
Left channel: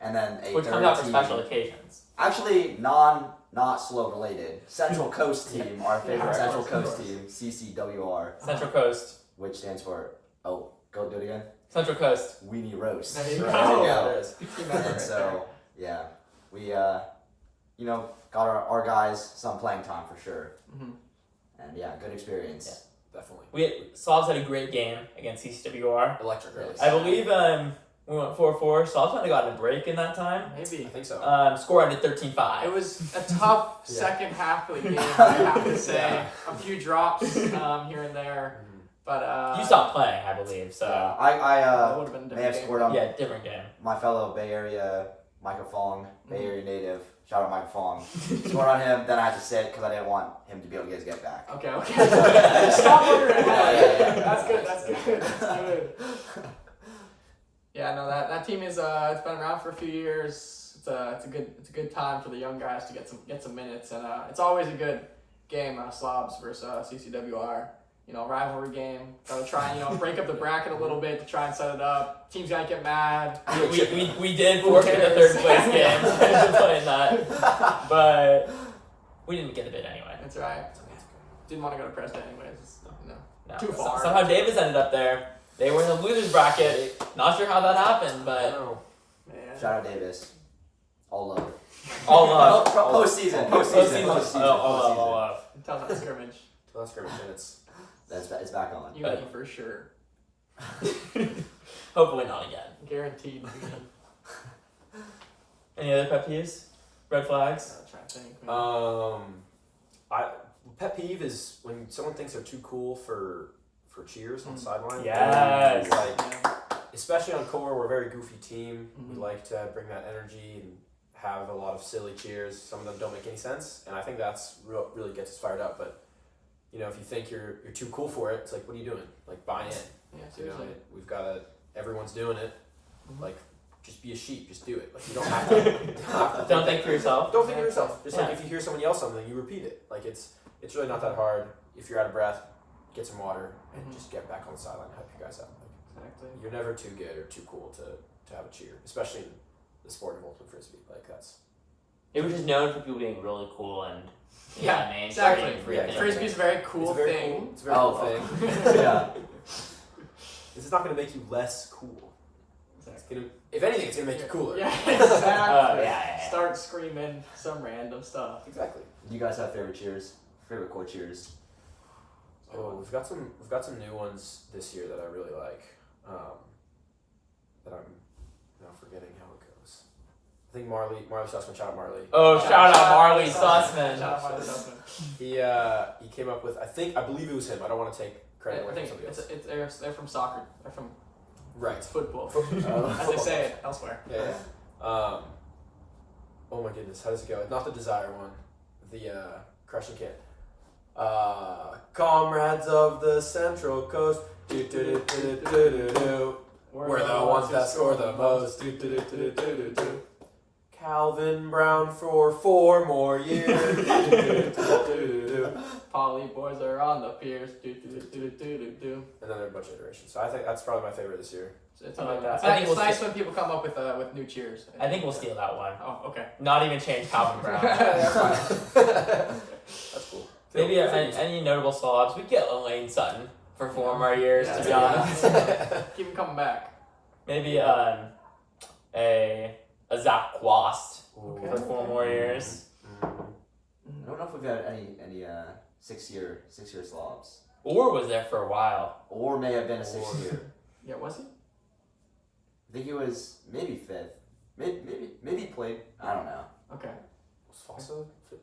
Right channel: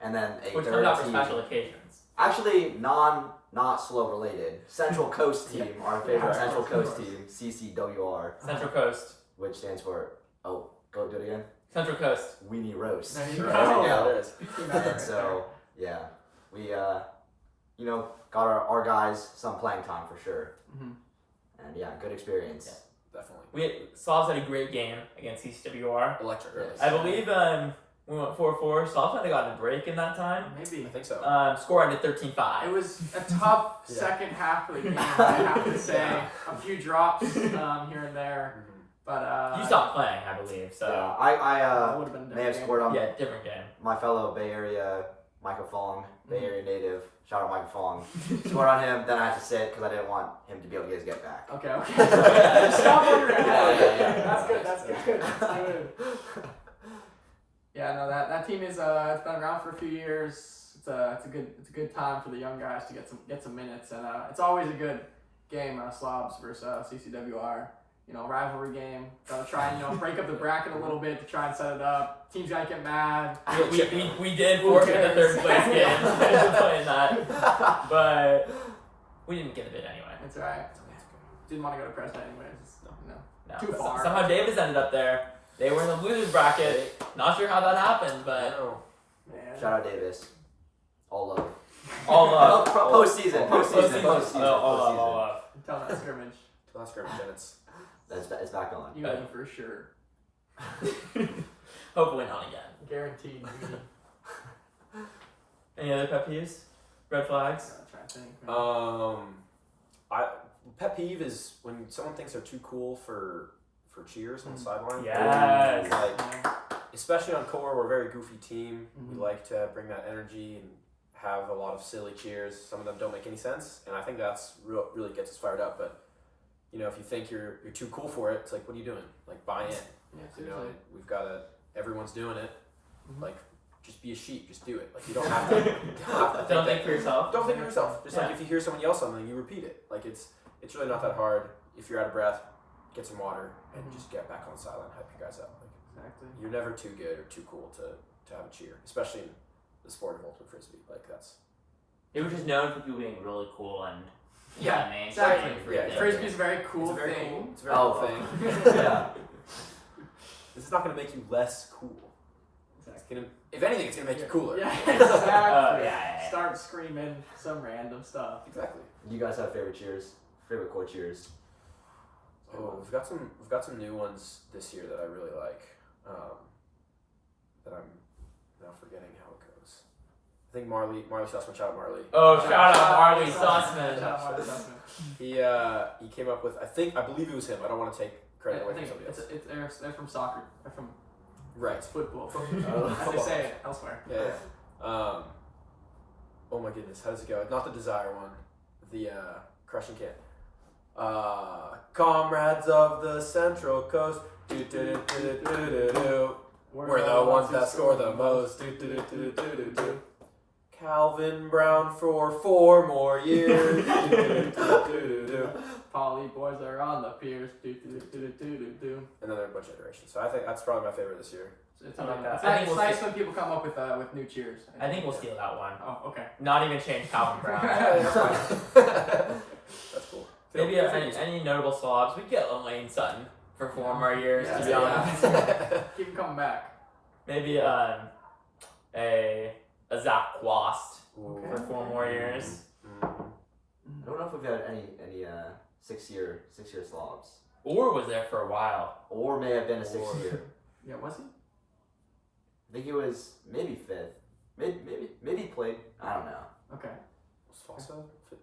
and then a Which third comes out for team. special occasions. Actually, not SLO related. Central Coast team, our favorite Yeah, Central of Coast course. team, CCWR, Central Coast. which stands for go do it again. Central Coast. Weenie Roast. There you There go. you go. There it is. Team member And right so yeah, we got our guys some playing time for sure, there. and yeah, good experience. Definitely. Slobs had a great game against CCWR. Electric. Really. I believe we went 4-4. Slobs might have gotten a break in that time. Maybe. I think so. Score ended 13-5. It was a tough Yeah. second half of the game, I have to say. Yeah. A few drops here and there, but You stopped playing, I believe. So Yeah, I it would have been a may have different scored on yeah, different game. my fellow Bay Area Micah Fong, Bay Area native. Shout out Micah Fong. Scored on him, then I had to sit because I didn't want him to be able to get his get back. game. Okay. Stop where you're at. Yeah. That's good. That's good. Yeah, no, that team is it's been around for a few years. It's a good time for the young guys to get some minutes, and it's always a good game, Slobs versus CCWR. Rivalry game. Gotta try and break up the bracket a little bit to try and set it up. Teams might get mad. We did Who forfeit the cares? third place game playing that, but we didn't get a bid anyway. That's right. Didn't want to go to Preston anyways. No. Too far. Somehow Davis ended up there. They were in the losers bracket. Not sure how that happened, I but know. Man. Shout out Davis. All love. all love. Postseason. Oh, all love. Until that scrimmage, So that's scrimmage, and it's It's back on. you win for sure. Hopefully not again. Guaranteed. Any other pet peeves? Red flags? I'm trying to think. Man. pet peeve is when someone thinks they're too cool for cheers on the sideline. Yes. Like, Yeah. especially on core, we're a very goofy team. We Mhm. like to bring that energy and have a lot of silly cheers. Some of them don't make any sense, and I think that's really gets us fired up. But if you think you're too cool for it, it's like, what are you doing? Like, buy in. Yeah, seriously. We've got to. Everyone's doing it. Mhm. Like, just be a sheep. Just do it. Like, you don't have to. Don't think for yourself. Don't think of yourself. Just like Yeah. if you hear someone yell something, you repeat it. Like it's really not that hard. If you're out of breath, get some water and Mhm. just get back on the sideline, hype you guys up. Like Exactly. you're never too good or too cool to have a cheer, especially in the sport of ultimate frisbee. Like that's It was just known for people being really cool and Yeah, mainstream exactly. for Yeah, everything. Frisbee's a very cool it's a very thing. cool. It's a very Oh. cool thing. Yeah. This is not going to make you less cool. It's gonna, if anything, it's going to make you cooler. Yeah, exactly. yeah. Start screaming some random stuff. Exactly. Do you guys have favorite cheers? Favorite core cheers? Oh, we've got some new ones this year that I really like. That I'm now forgetting how it goes. I think Marley Sussman, shout out Marley. Oh, shout out Marley Shout Sussman. out Marley Sussman. He came up with I believe it was him. I don't want to take credit away from somebody else. They're from soccer. They're from Right. it's football. Oh. As they say it elsewhere. Yeah. Oh my goodness, how does it go? Not the Desire one. The Crushing Kit. Comrades of the Central Coast. Do do do do do do do. We're the ones that score the most. Do do do do do do do. Calvin Brown for 4 more years. Do, do, do, do, do, do. Poly boys are on the piers. Do do do do do do do. And then there are a bunch of iterations. So I think that's probably my favorite this year. It's, I like that. it's, I nice, think it's we'll nice when people come up with new cheers. I think we'll steal that one. Oh, okay. Not even change Calvin Brown. That's fine. That's cool. Maybe any notable slobs. We get Elaine Sutton for 4 more years, to be Yeah. honest. Keep them coming back. Maybe a Zach Quast Ooh. for 4 more years. I don't know if we've had any 6-year slobs, Or was there for a while. or may have been a 6-year. Yeah, was he? I think it was maybe 5th. Maybe he played. I don't know. Okay. Fossa? Fifth?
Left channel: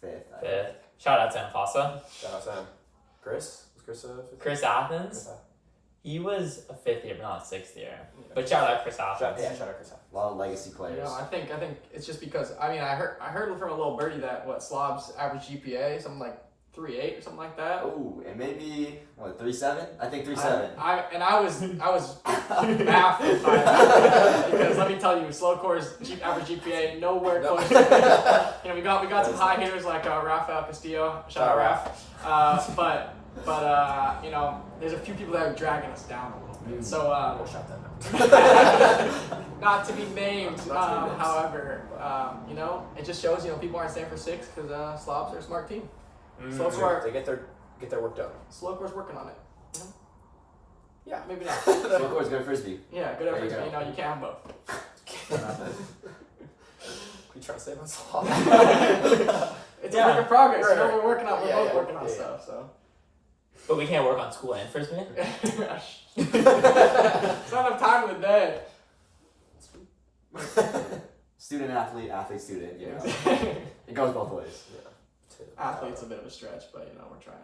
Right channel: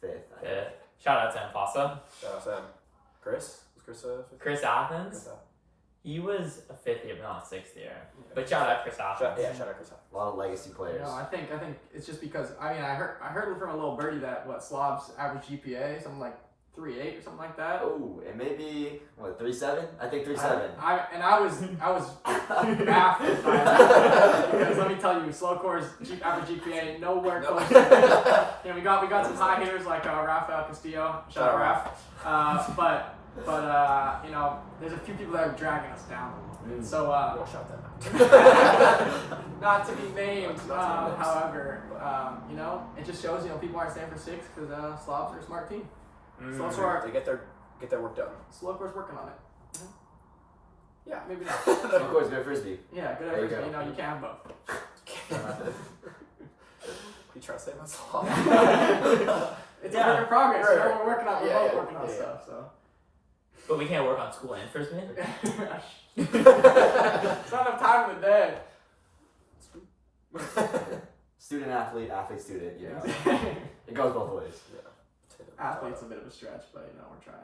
Fifth. Fifth. Shout out Sam Fossa. Shout out Sam. Chris? Was Chris fifth? Chris Athens. Chris Athens. He was a fifth year, but not a sixth year. But shout out Chris Athens. Shout out Chris Athens. A lot of legacy players. I think it's just because I heard from a little birdie that SLOB's average GPA something like 3.8 or something like that. Oh, it may be 3.7. I think 3.7. I was baffled by that because let me tell you, Slowcore's average GPA nowhere close to that. We got some high hitters like Rafael Castillo. Shout out Raf. But there's a few people that are dragging us down a little bit. So We'll shout that out. not to be named. However, it just shows people aren't staying for six because SLOBs are a smart team. They get their work done. Slowcore's working on it. Mm-hmm. Yeah, maybe not. Slowcore's good at frisbee. Yeah, good at frisbee. You can't have both. You trying to say about SLOB? It's a work in progress. Right. We're working on. We're both working on stuff. So. But we can't work on school and frisbee. It's not enough time in the day. Student athlete, athlete student. Yeah, it goes both ways. Yeah. Athlete's a bit of a stretch, but we're trying.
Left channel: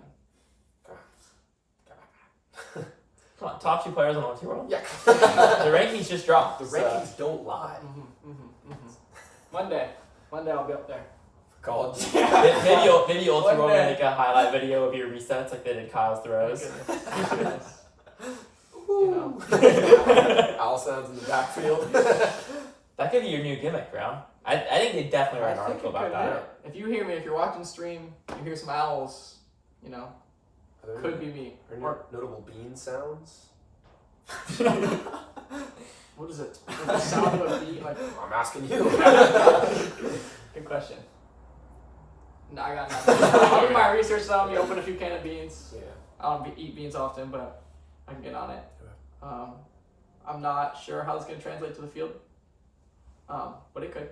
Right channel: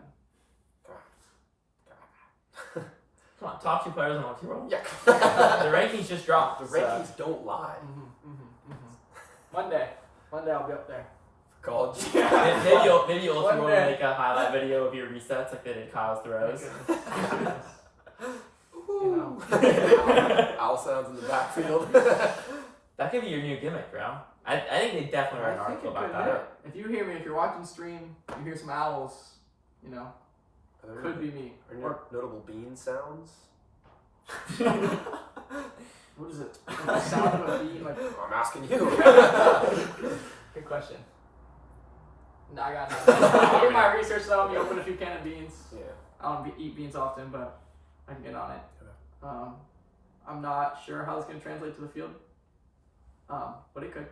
Come on, top 2 players on the world. Yeah. The rankings just dropped. The rankings don't lie. One day I'll be up there. College. Maybe Ultra One will day. make a highlight video of your resets like they did Kyle's throws. Owl sounds in the backfield. That could be your new gimmick, bro. I think they definitely write an article about that. If you hear me, if you're watching stream, you hear some owls, could be me. Are there notable bean sounds? What is it? The sound of a bee? Like, I'm asking you. good question. No, I got nothing. I'll do my research though. Let me open a few cans of beans. Yeah. I don't eat beans often, but I can get on it. Okay. I'm not sure how this is going to translate to the field, but it could.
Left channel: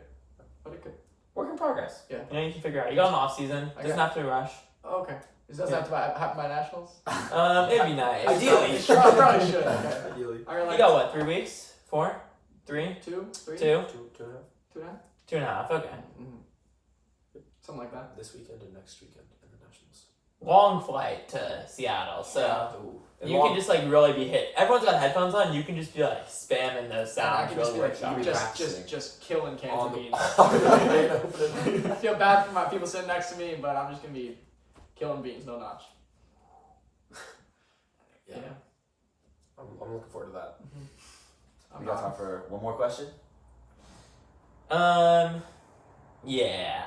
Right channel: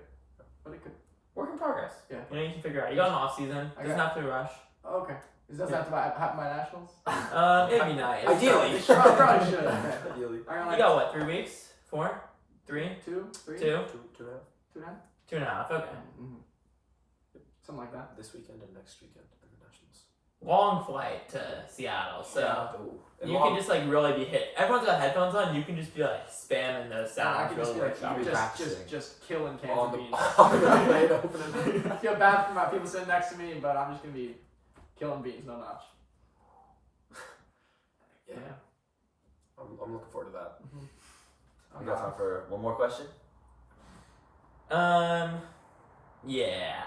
Work in progress. Yeah. You can figure out. You got an off season. Doesn't have to rush. Oh, okay. Does that have to happen by nationals? It'd be nice. Ideally. It probably should. Okay. Ideally. I got You got what? 3 weeks? 4? 3? 2, 3, 2? 2.5. 2 and 2.5. Okay. something like that. This weekend and next weekend in the Nationals. Long flight to Seattle, so And you can just really be hit. Everyone's got headphones on. You can just be spamming those And I sounds. can just Really be workshop. just killing cans on of the beans. opening. I feel bad for my people sitting next to me, but I'm just gonna be killing beans, no notch. Yeah. I'm looking forward to that. Mm-hmm. We got time for one more question? Yeah.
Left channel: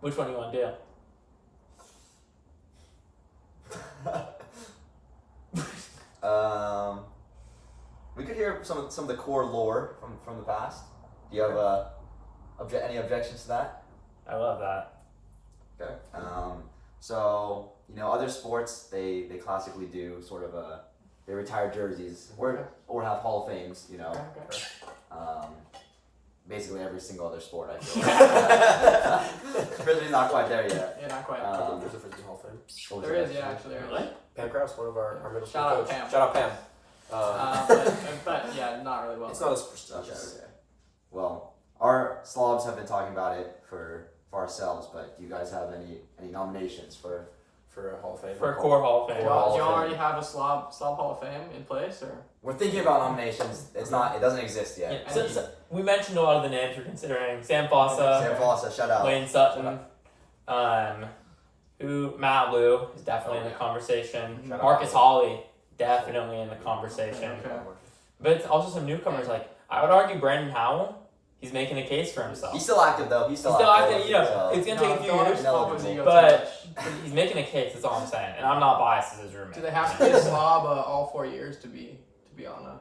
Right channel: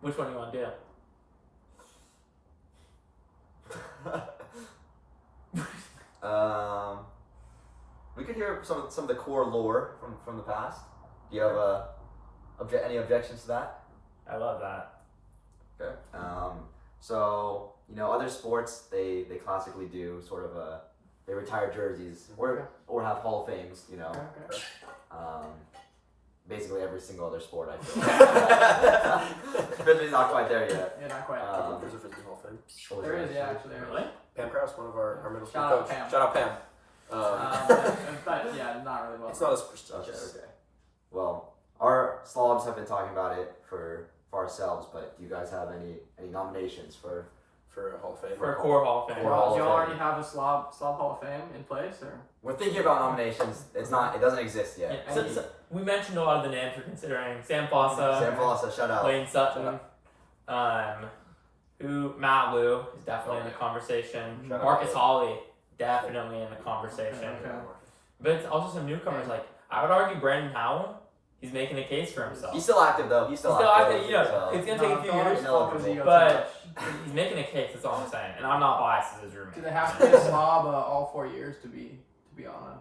Which one do you want to do? We could hear some of the core lore from the past. Do you have any objections to that? I love that. Okay. So other sports they classically do sort of they retire jerseys or have Hall of Fames. Okay. Basically every single other sport I feel. Frisbee's not quite there yet. Yeah, not quite. There's a Frisbee Hall of Fame. There is, yeah, actually. There is. Really? Pam Krause, one of our middle school Shout out coach. Pam. Shout out Pam. But yeah, not really well. It's not as prestigious. Okay. Well, our slobs have been talking about it for ourselves, but do you guys have any nominations for For a Hall of Fame. For a core Hall of Fame. Core Hall Do of y'all Fame. already have a slob Hall of Fame in place, or? We're thinking about nominations. It doesn't exist yet. Yeah, so we mentioned a lot of the names we're considering. Sam Fossa, Sam Fossa, shout out. Wayne Sutton, Matt Lou is definitely in the yeah. conversation. Shout out Marcus Matt Lou. Hawley, definitely in the conversation. Okay. But it's also some newcomers. Like I would argue Brandon Howell. He's making a case for himself. He's still active though. He's still He's still active. active, so it's gonna take a few don't years. involve his ego too But much. he's making a case. That's all I'm saying. And I'm not biased as his roommate. Do they have to be a slob all 4 years to be on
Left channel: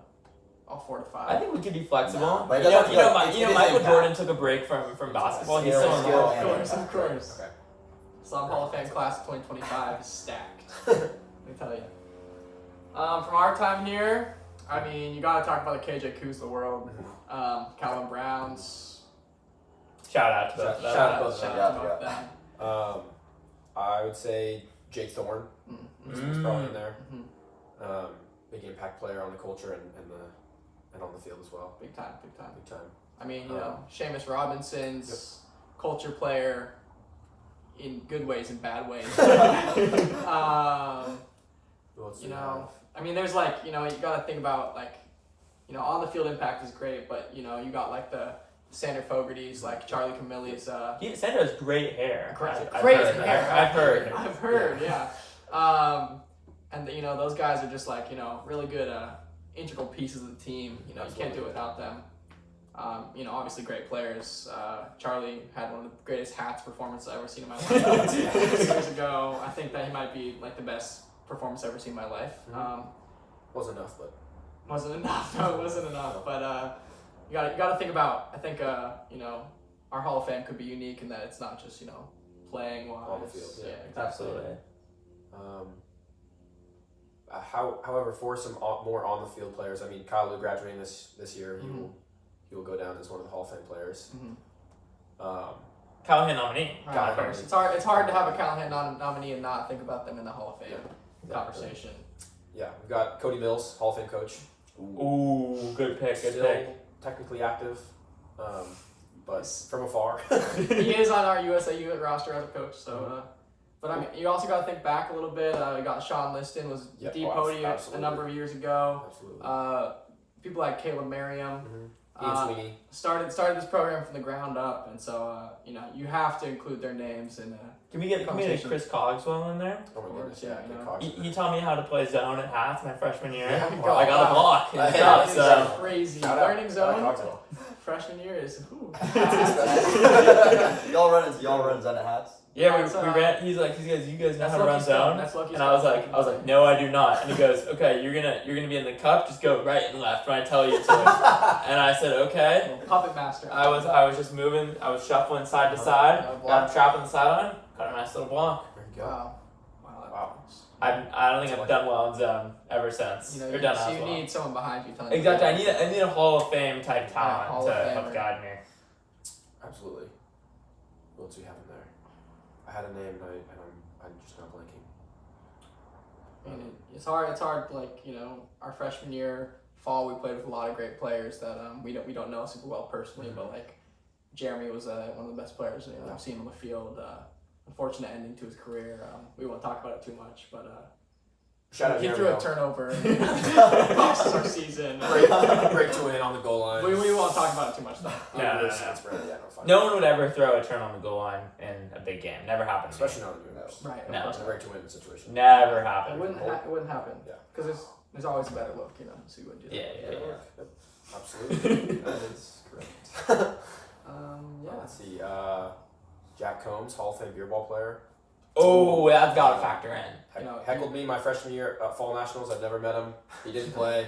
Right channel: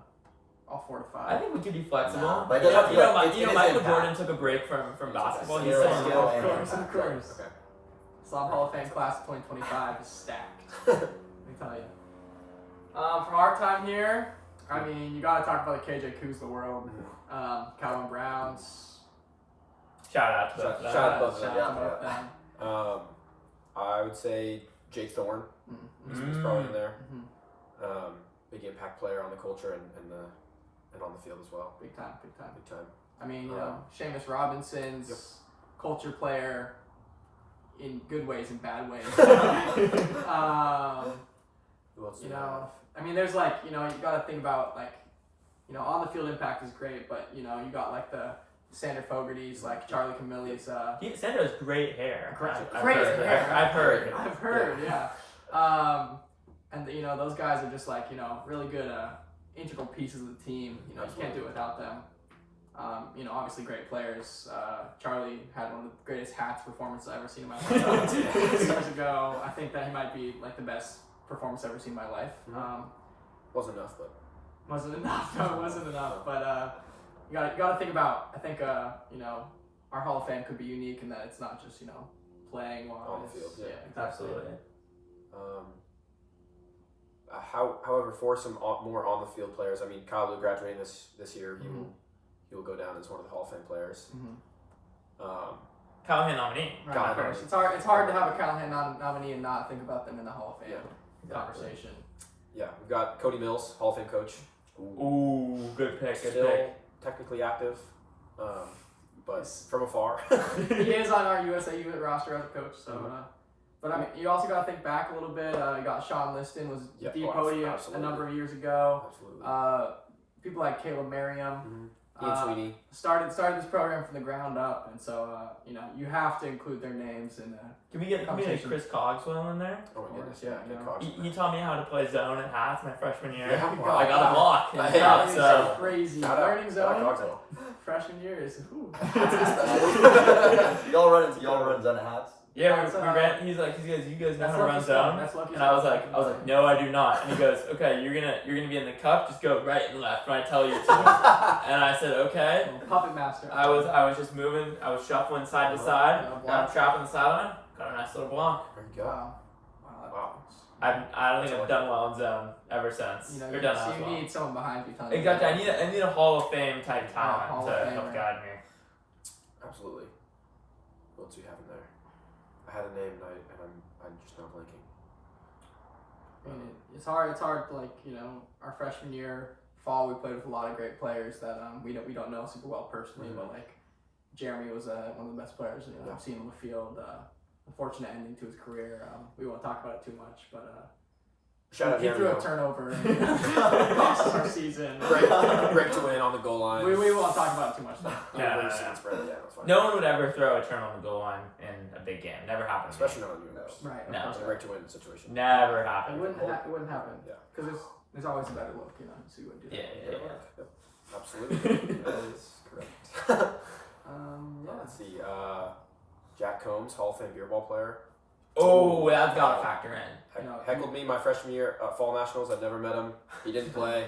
all 4 to 5? I think we could be flexible. Nah, but it doesn't- it is Michael impact. Jordan took a break from basketball. He's skill, still in the skill, Hall of and Fame. impact. Of course. Okay. Slob Hall of Fame class of 2025 is stacked. Let me tell you. From our time here, I mean, you got to talk about the KJ Kuz of the world. Calvin Browns. Shout out to both of them. Shout out to both Shout of out them. to both of them. I would say Jake Thorne. Mm-hmm. He's probably in there. Mm-hmm. Big impact player on the culture and on the field as well. Big time. Big time. I mean, Seamus Robinson's culture player in good ways and bad ways. Who else do You we know, have? I mean, there's like, you know, you got to think about like, you know, on the field impact is great, but you know, you got like the Sander Fogarty's, like Charlie Camilli's. Sander has great hair. Great hair. I've heard. I've heard, yeah. And you know, those guys are just like, you know, really good integral pieces of the team. You know, you can't do it without them. You know, obviously great players. Charlie had one of the greatest hats performances I've ever seen in my life. 2 years ago, I think that he might be like the best performance I've ever seen in my life. Wasn't enough, but Wasn't enough. No, it wasn't enough. But you got to think about. I think you know, our Hall of Fame could be unique in that it's not just, you know, playing while on the field. Yeah, exactly. Absolutely. However, for some more on the field players, I mean, Kyle Lou graduating this year, he will go down as one of the Hall of Fame players. Callahan nominee. Right, Callahan of course. It's hard to have a Callahan nominee and not think about them in the Hall of Fame conversation. Yeah, we've got Cody Mills, Hall of Fame coach. Ooh, good pick. Good Still pick. technically active, but from afar. He is on our USA roster as a coach, so. But I mean, you also got to think back a little bit. You got Sean Liston was podium a number of years ago. Absolutely. People like Caleb Merriam. Ian Sweeney. Started this program from the ground up, and so you know, you have to include their names in. Can we get Chris Cogswell in there? Oh my goodness, yeah, Kid no. Cox. He taught me how to play zone at hats my freshman year. Yeah, I got a block. And stuff, so. Crazy. Shout out. Learning Shout out zone. Cogswell. Freshman year is. y'all run zone hats. Yeah, That's, we ran. He goes, you guys know how to run zone. That's lucky And I was like, no, I do not. And he goes, okay, you're gonna be in the cup. Just go right and left when I tell you to. And I said, okay. Puppet master. I was just moving. I was shuffling side to side. I'm trapping the sideline. Got a nice little block. There you go. Wow. I don't think I've done well in zone ever since. You know, or done so as you well. need someone behind you telling Exactly. you. I need a Hall of Fame type talent Hall to of help Famer. guide me. Absolutely. What else do we have in there? I had a name and I'm just not blanking. I mean, it's hard. Like, you know, our freshman year, fall, we played with a lot of great players that we don't know super well personally, but like Jeremy was one of the best players I've seen on the field. Unfortunate ending to his career. We won't talk about it too much, but Shout out he threw Jeremy. a turnover and cost us our season. Break to win on the goal line. We won't talk about it too much though. No one would ever throw a turn on the goal line in a big game. Never happened. Especially not in the universe. Right. Of No. course It's a break to win situation. Never It happened. wouldn't happen. Yeah. Because there's always a better look, you know, so you wouldn't do that. Yeah. Absolutely. That is correct. Yeah. Let's see. Jack Combs, Hall of Fame beer ball player. Oh, that's got to factor in. Heckled me my freshman year at Fall Nationals. I'd never met him. He didn't play.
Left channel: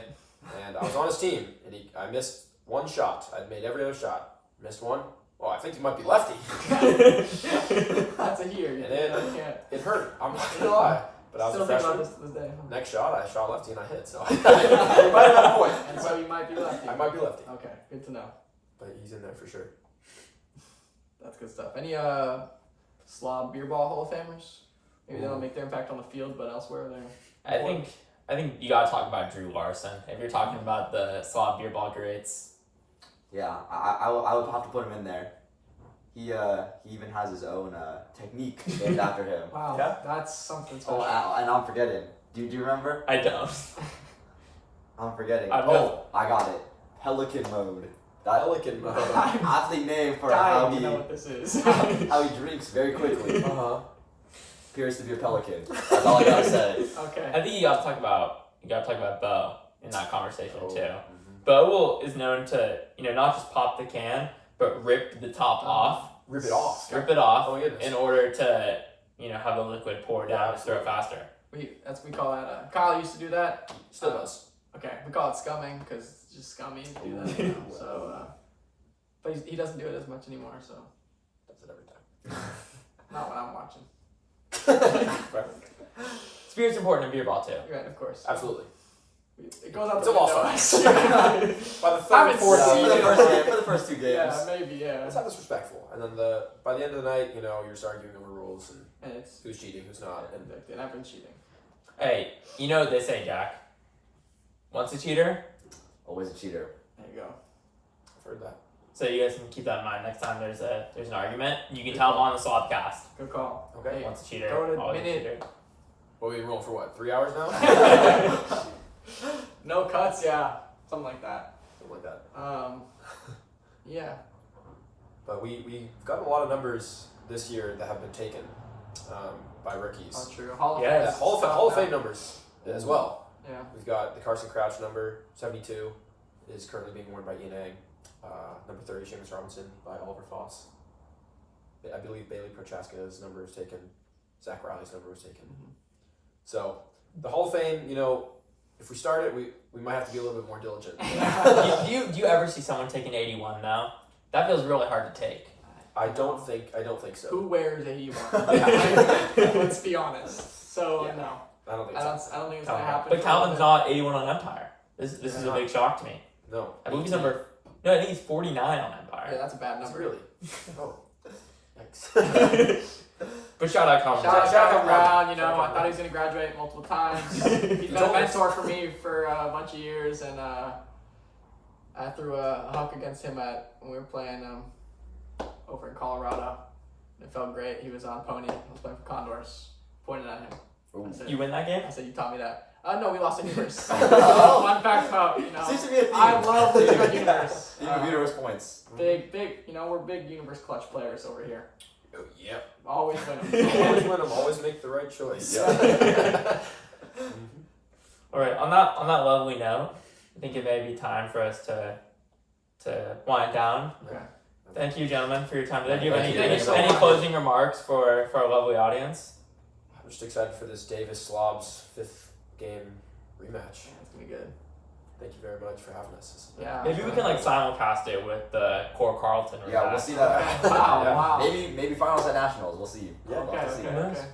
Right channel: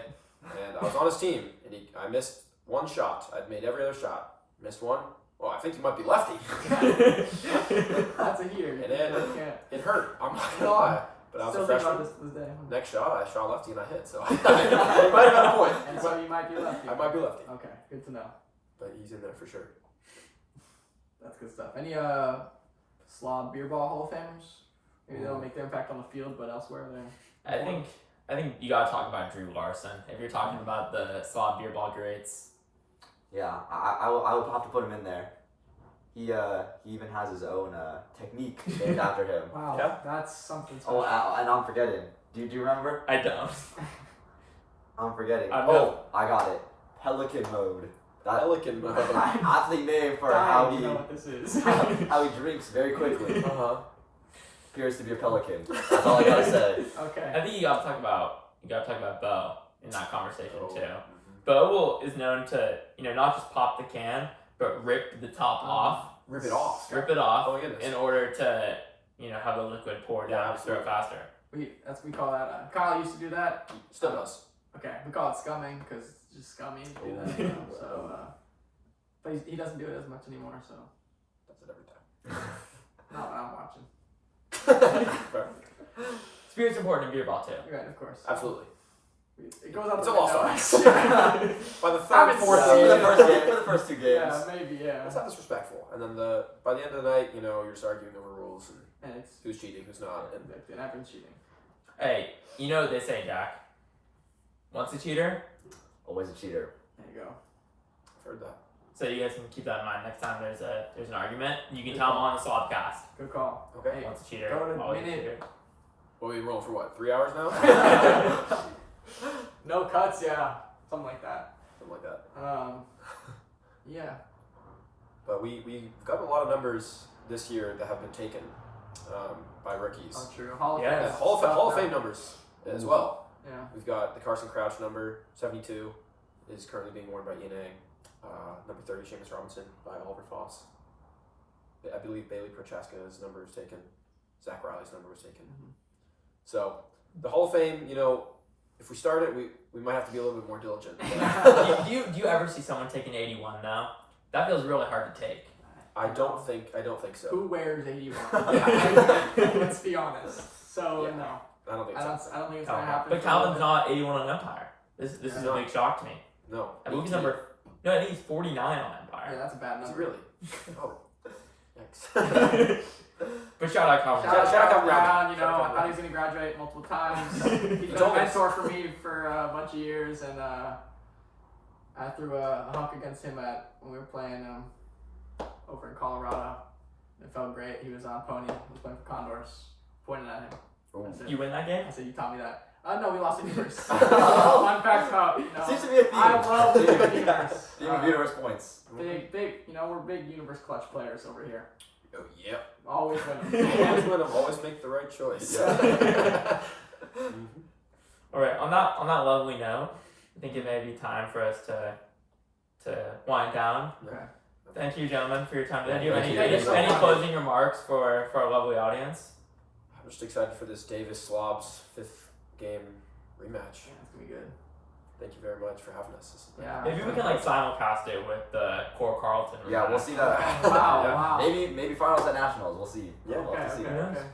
And I was on his team. And I missed one shot. I'd made every other shot. Missed one. Well, I think he might be lefty. That's a here. And can't. it hurt. I'm not going to lie. But I was Still a think about freshman. this to this day. Next shot, I shot lefty and I hit. So I might have had a point. And so you might be lefty. I might be lefty. Okay, good to know. But he's in there for sure. That's good stuff. Any Slob beer ball Hall of Famers? Maybe they don't make their impact on the field, but elsewhere they're. I think you gotta talk about Drew Larson if you're talking about the SLOB beer ball greats. Yeah, I would have to put him in there. He even has his own technique named after him. Wow, Yeah. that's something special. Oh, and I'm forgetting. Do you remember? I don't. I'm forgetting. I know. I got it. Pelican mode. Pelican mode. Aptly named for I how don't know what this is. how he drinks very quickly. Uh-huh. Appears to be a pelican. That's all I gotta say. Okay. I think you gotta talk about Bo in that conversation too. Mm-hmm. Bo is known to not just pop the can, but rip the top off. Rip it off. Strip it off Oh my goodness. in order to have the liquid pour Yeah, down and throw it absolutely. faster. We call that. Kyle used to do that. Still does. Okay, we call it scumming because it's just scummy to do that. Ooh. So, but he doesn't do it as much anymore. So Does it every time. not when I'm watching. Spirit's important in beer ball too. Right, of course. Absolutely. It goes out It's the a lost window. By the I third, haven't fourth seen game. it. For the first two games. Yeah, maybe. Yeah. Let's have this respectful. And then by the end of the night, you're just arguing over rules and And it's who's cheating, who's not. And and I've been cheating. Hey, you know what they say, Jack? Once a cheater, Always a cheater. There you go. I've heard that. So you guys can keep that in mind next time there's an argument. You can tell them on the SLOBcast. Good call. Okay. Once a cheater, Go to always a minute. cheater. Well, we rolling for what? 3 hours now? No cuts, yeah. Something like that. Something like that. Yeah. But we've gotten a lot of numbers this year that have been taken by rookies. Oh, true. Hall of Yeah. Fame. Hall of Fame numbers as well. Yeah. We've got the Carson Crouch number 72 is currently being worn by ENA. Number 30, Seamus Robinson by Oliver Foss. I believe Bailey Prochaska's number is taken. Zach Riley's number was taken. Mm-hmm. So the Hall of Fame, if we start it, we might have to be a little bit more diligent. do you ever see someone take an 81 though? That feels really hard to take. I don't think so. Who wears 81? Let's be honest. So Yeah. no. I don't think I so. don't think it's gonna happen. But Calvin's not 81 on Empire. This is a big shock to me. No. I believe he's number. No, I think he's 49 on Empire. Yeah, that's a bad number. Really? Oh. Yikes. But shout out Calvin. Shout out Shout out Calvin Brown. Brown. I thought he was gonna graduate multiple times. He's been a mentor for me for a bunch of years, and I threw a huck against him when we were playing over in Colorado. It felt great. He was on pony. I was playing for Condors. Pointed at him. I said, You win that game? I said, you taught me that. No, we lost in universe. Fun fact about, Seems to be a theme. I love losing on universe. Theme of universe points. Big, we're big universe clutch players over here. Oh, yep. Always win them. Always win them. Always make the right choice. All right. On that lovely note, I think it may be time for us to wind down. Okay. Thank you, gentlemen, for your time today. Do you have Thank any you so any much. closing remarks for our lovely audience? I'm just excited for this Davis Slobs 5th game rematch. Yeah, it's gonna be good. Thank you very much for having us. This has been- Yeah. Maybe we can simulcast it with the Core Carlton. Yeah, we'll see that. Wow, Yeah. wow. Maybe finals at nationals. We'll see. Yeah. We'll have to see. Okay.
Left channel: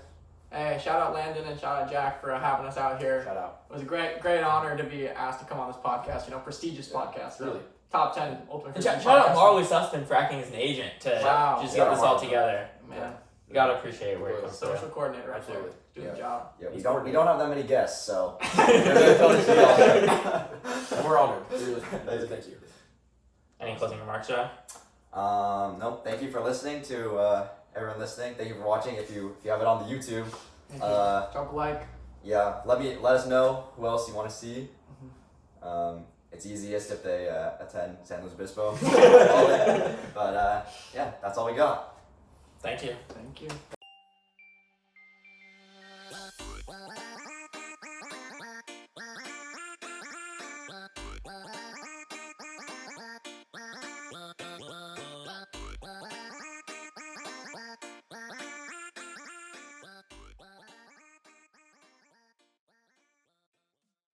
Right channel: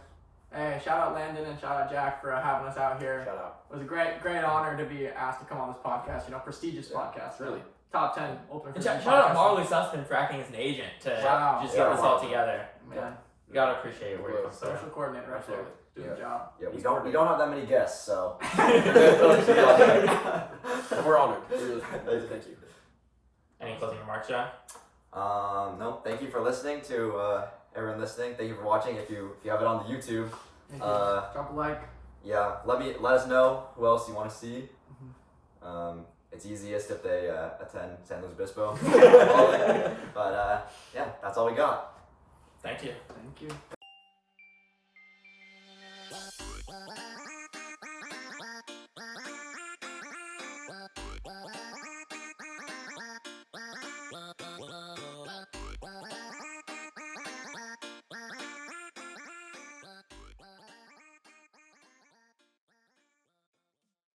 Hey, shout out Landon and shout out Jack for having us out here. Shout out. It was a great honor to be asked to come on this podcast. Prestigious podcast. Really. Top 10 ultimate. And frisbee shout out podcast. Marley Sustin for acting as an agent to Wow. just Yeah, get this all Marley. together. Man, You gotta appreciate where it comes social from. coordinator right Absolutely. there. Doing the job. Yeah, we He's don't have that many guests, so. And we're honored. Really, thank you. Any closing remarks, Jack? No, thank you for listening to everyone listening. Thank you for watching. If you have it on the YouTube, Thank you. Drop a like. yeah, let us know who else you want to see. It's easiest if they attend San Luis Obispo. But yeah, that's all we got. Thank you. Thank you.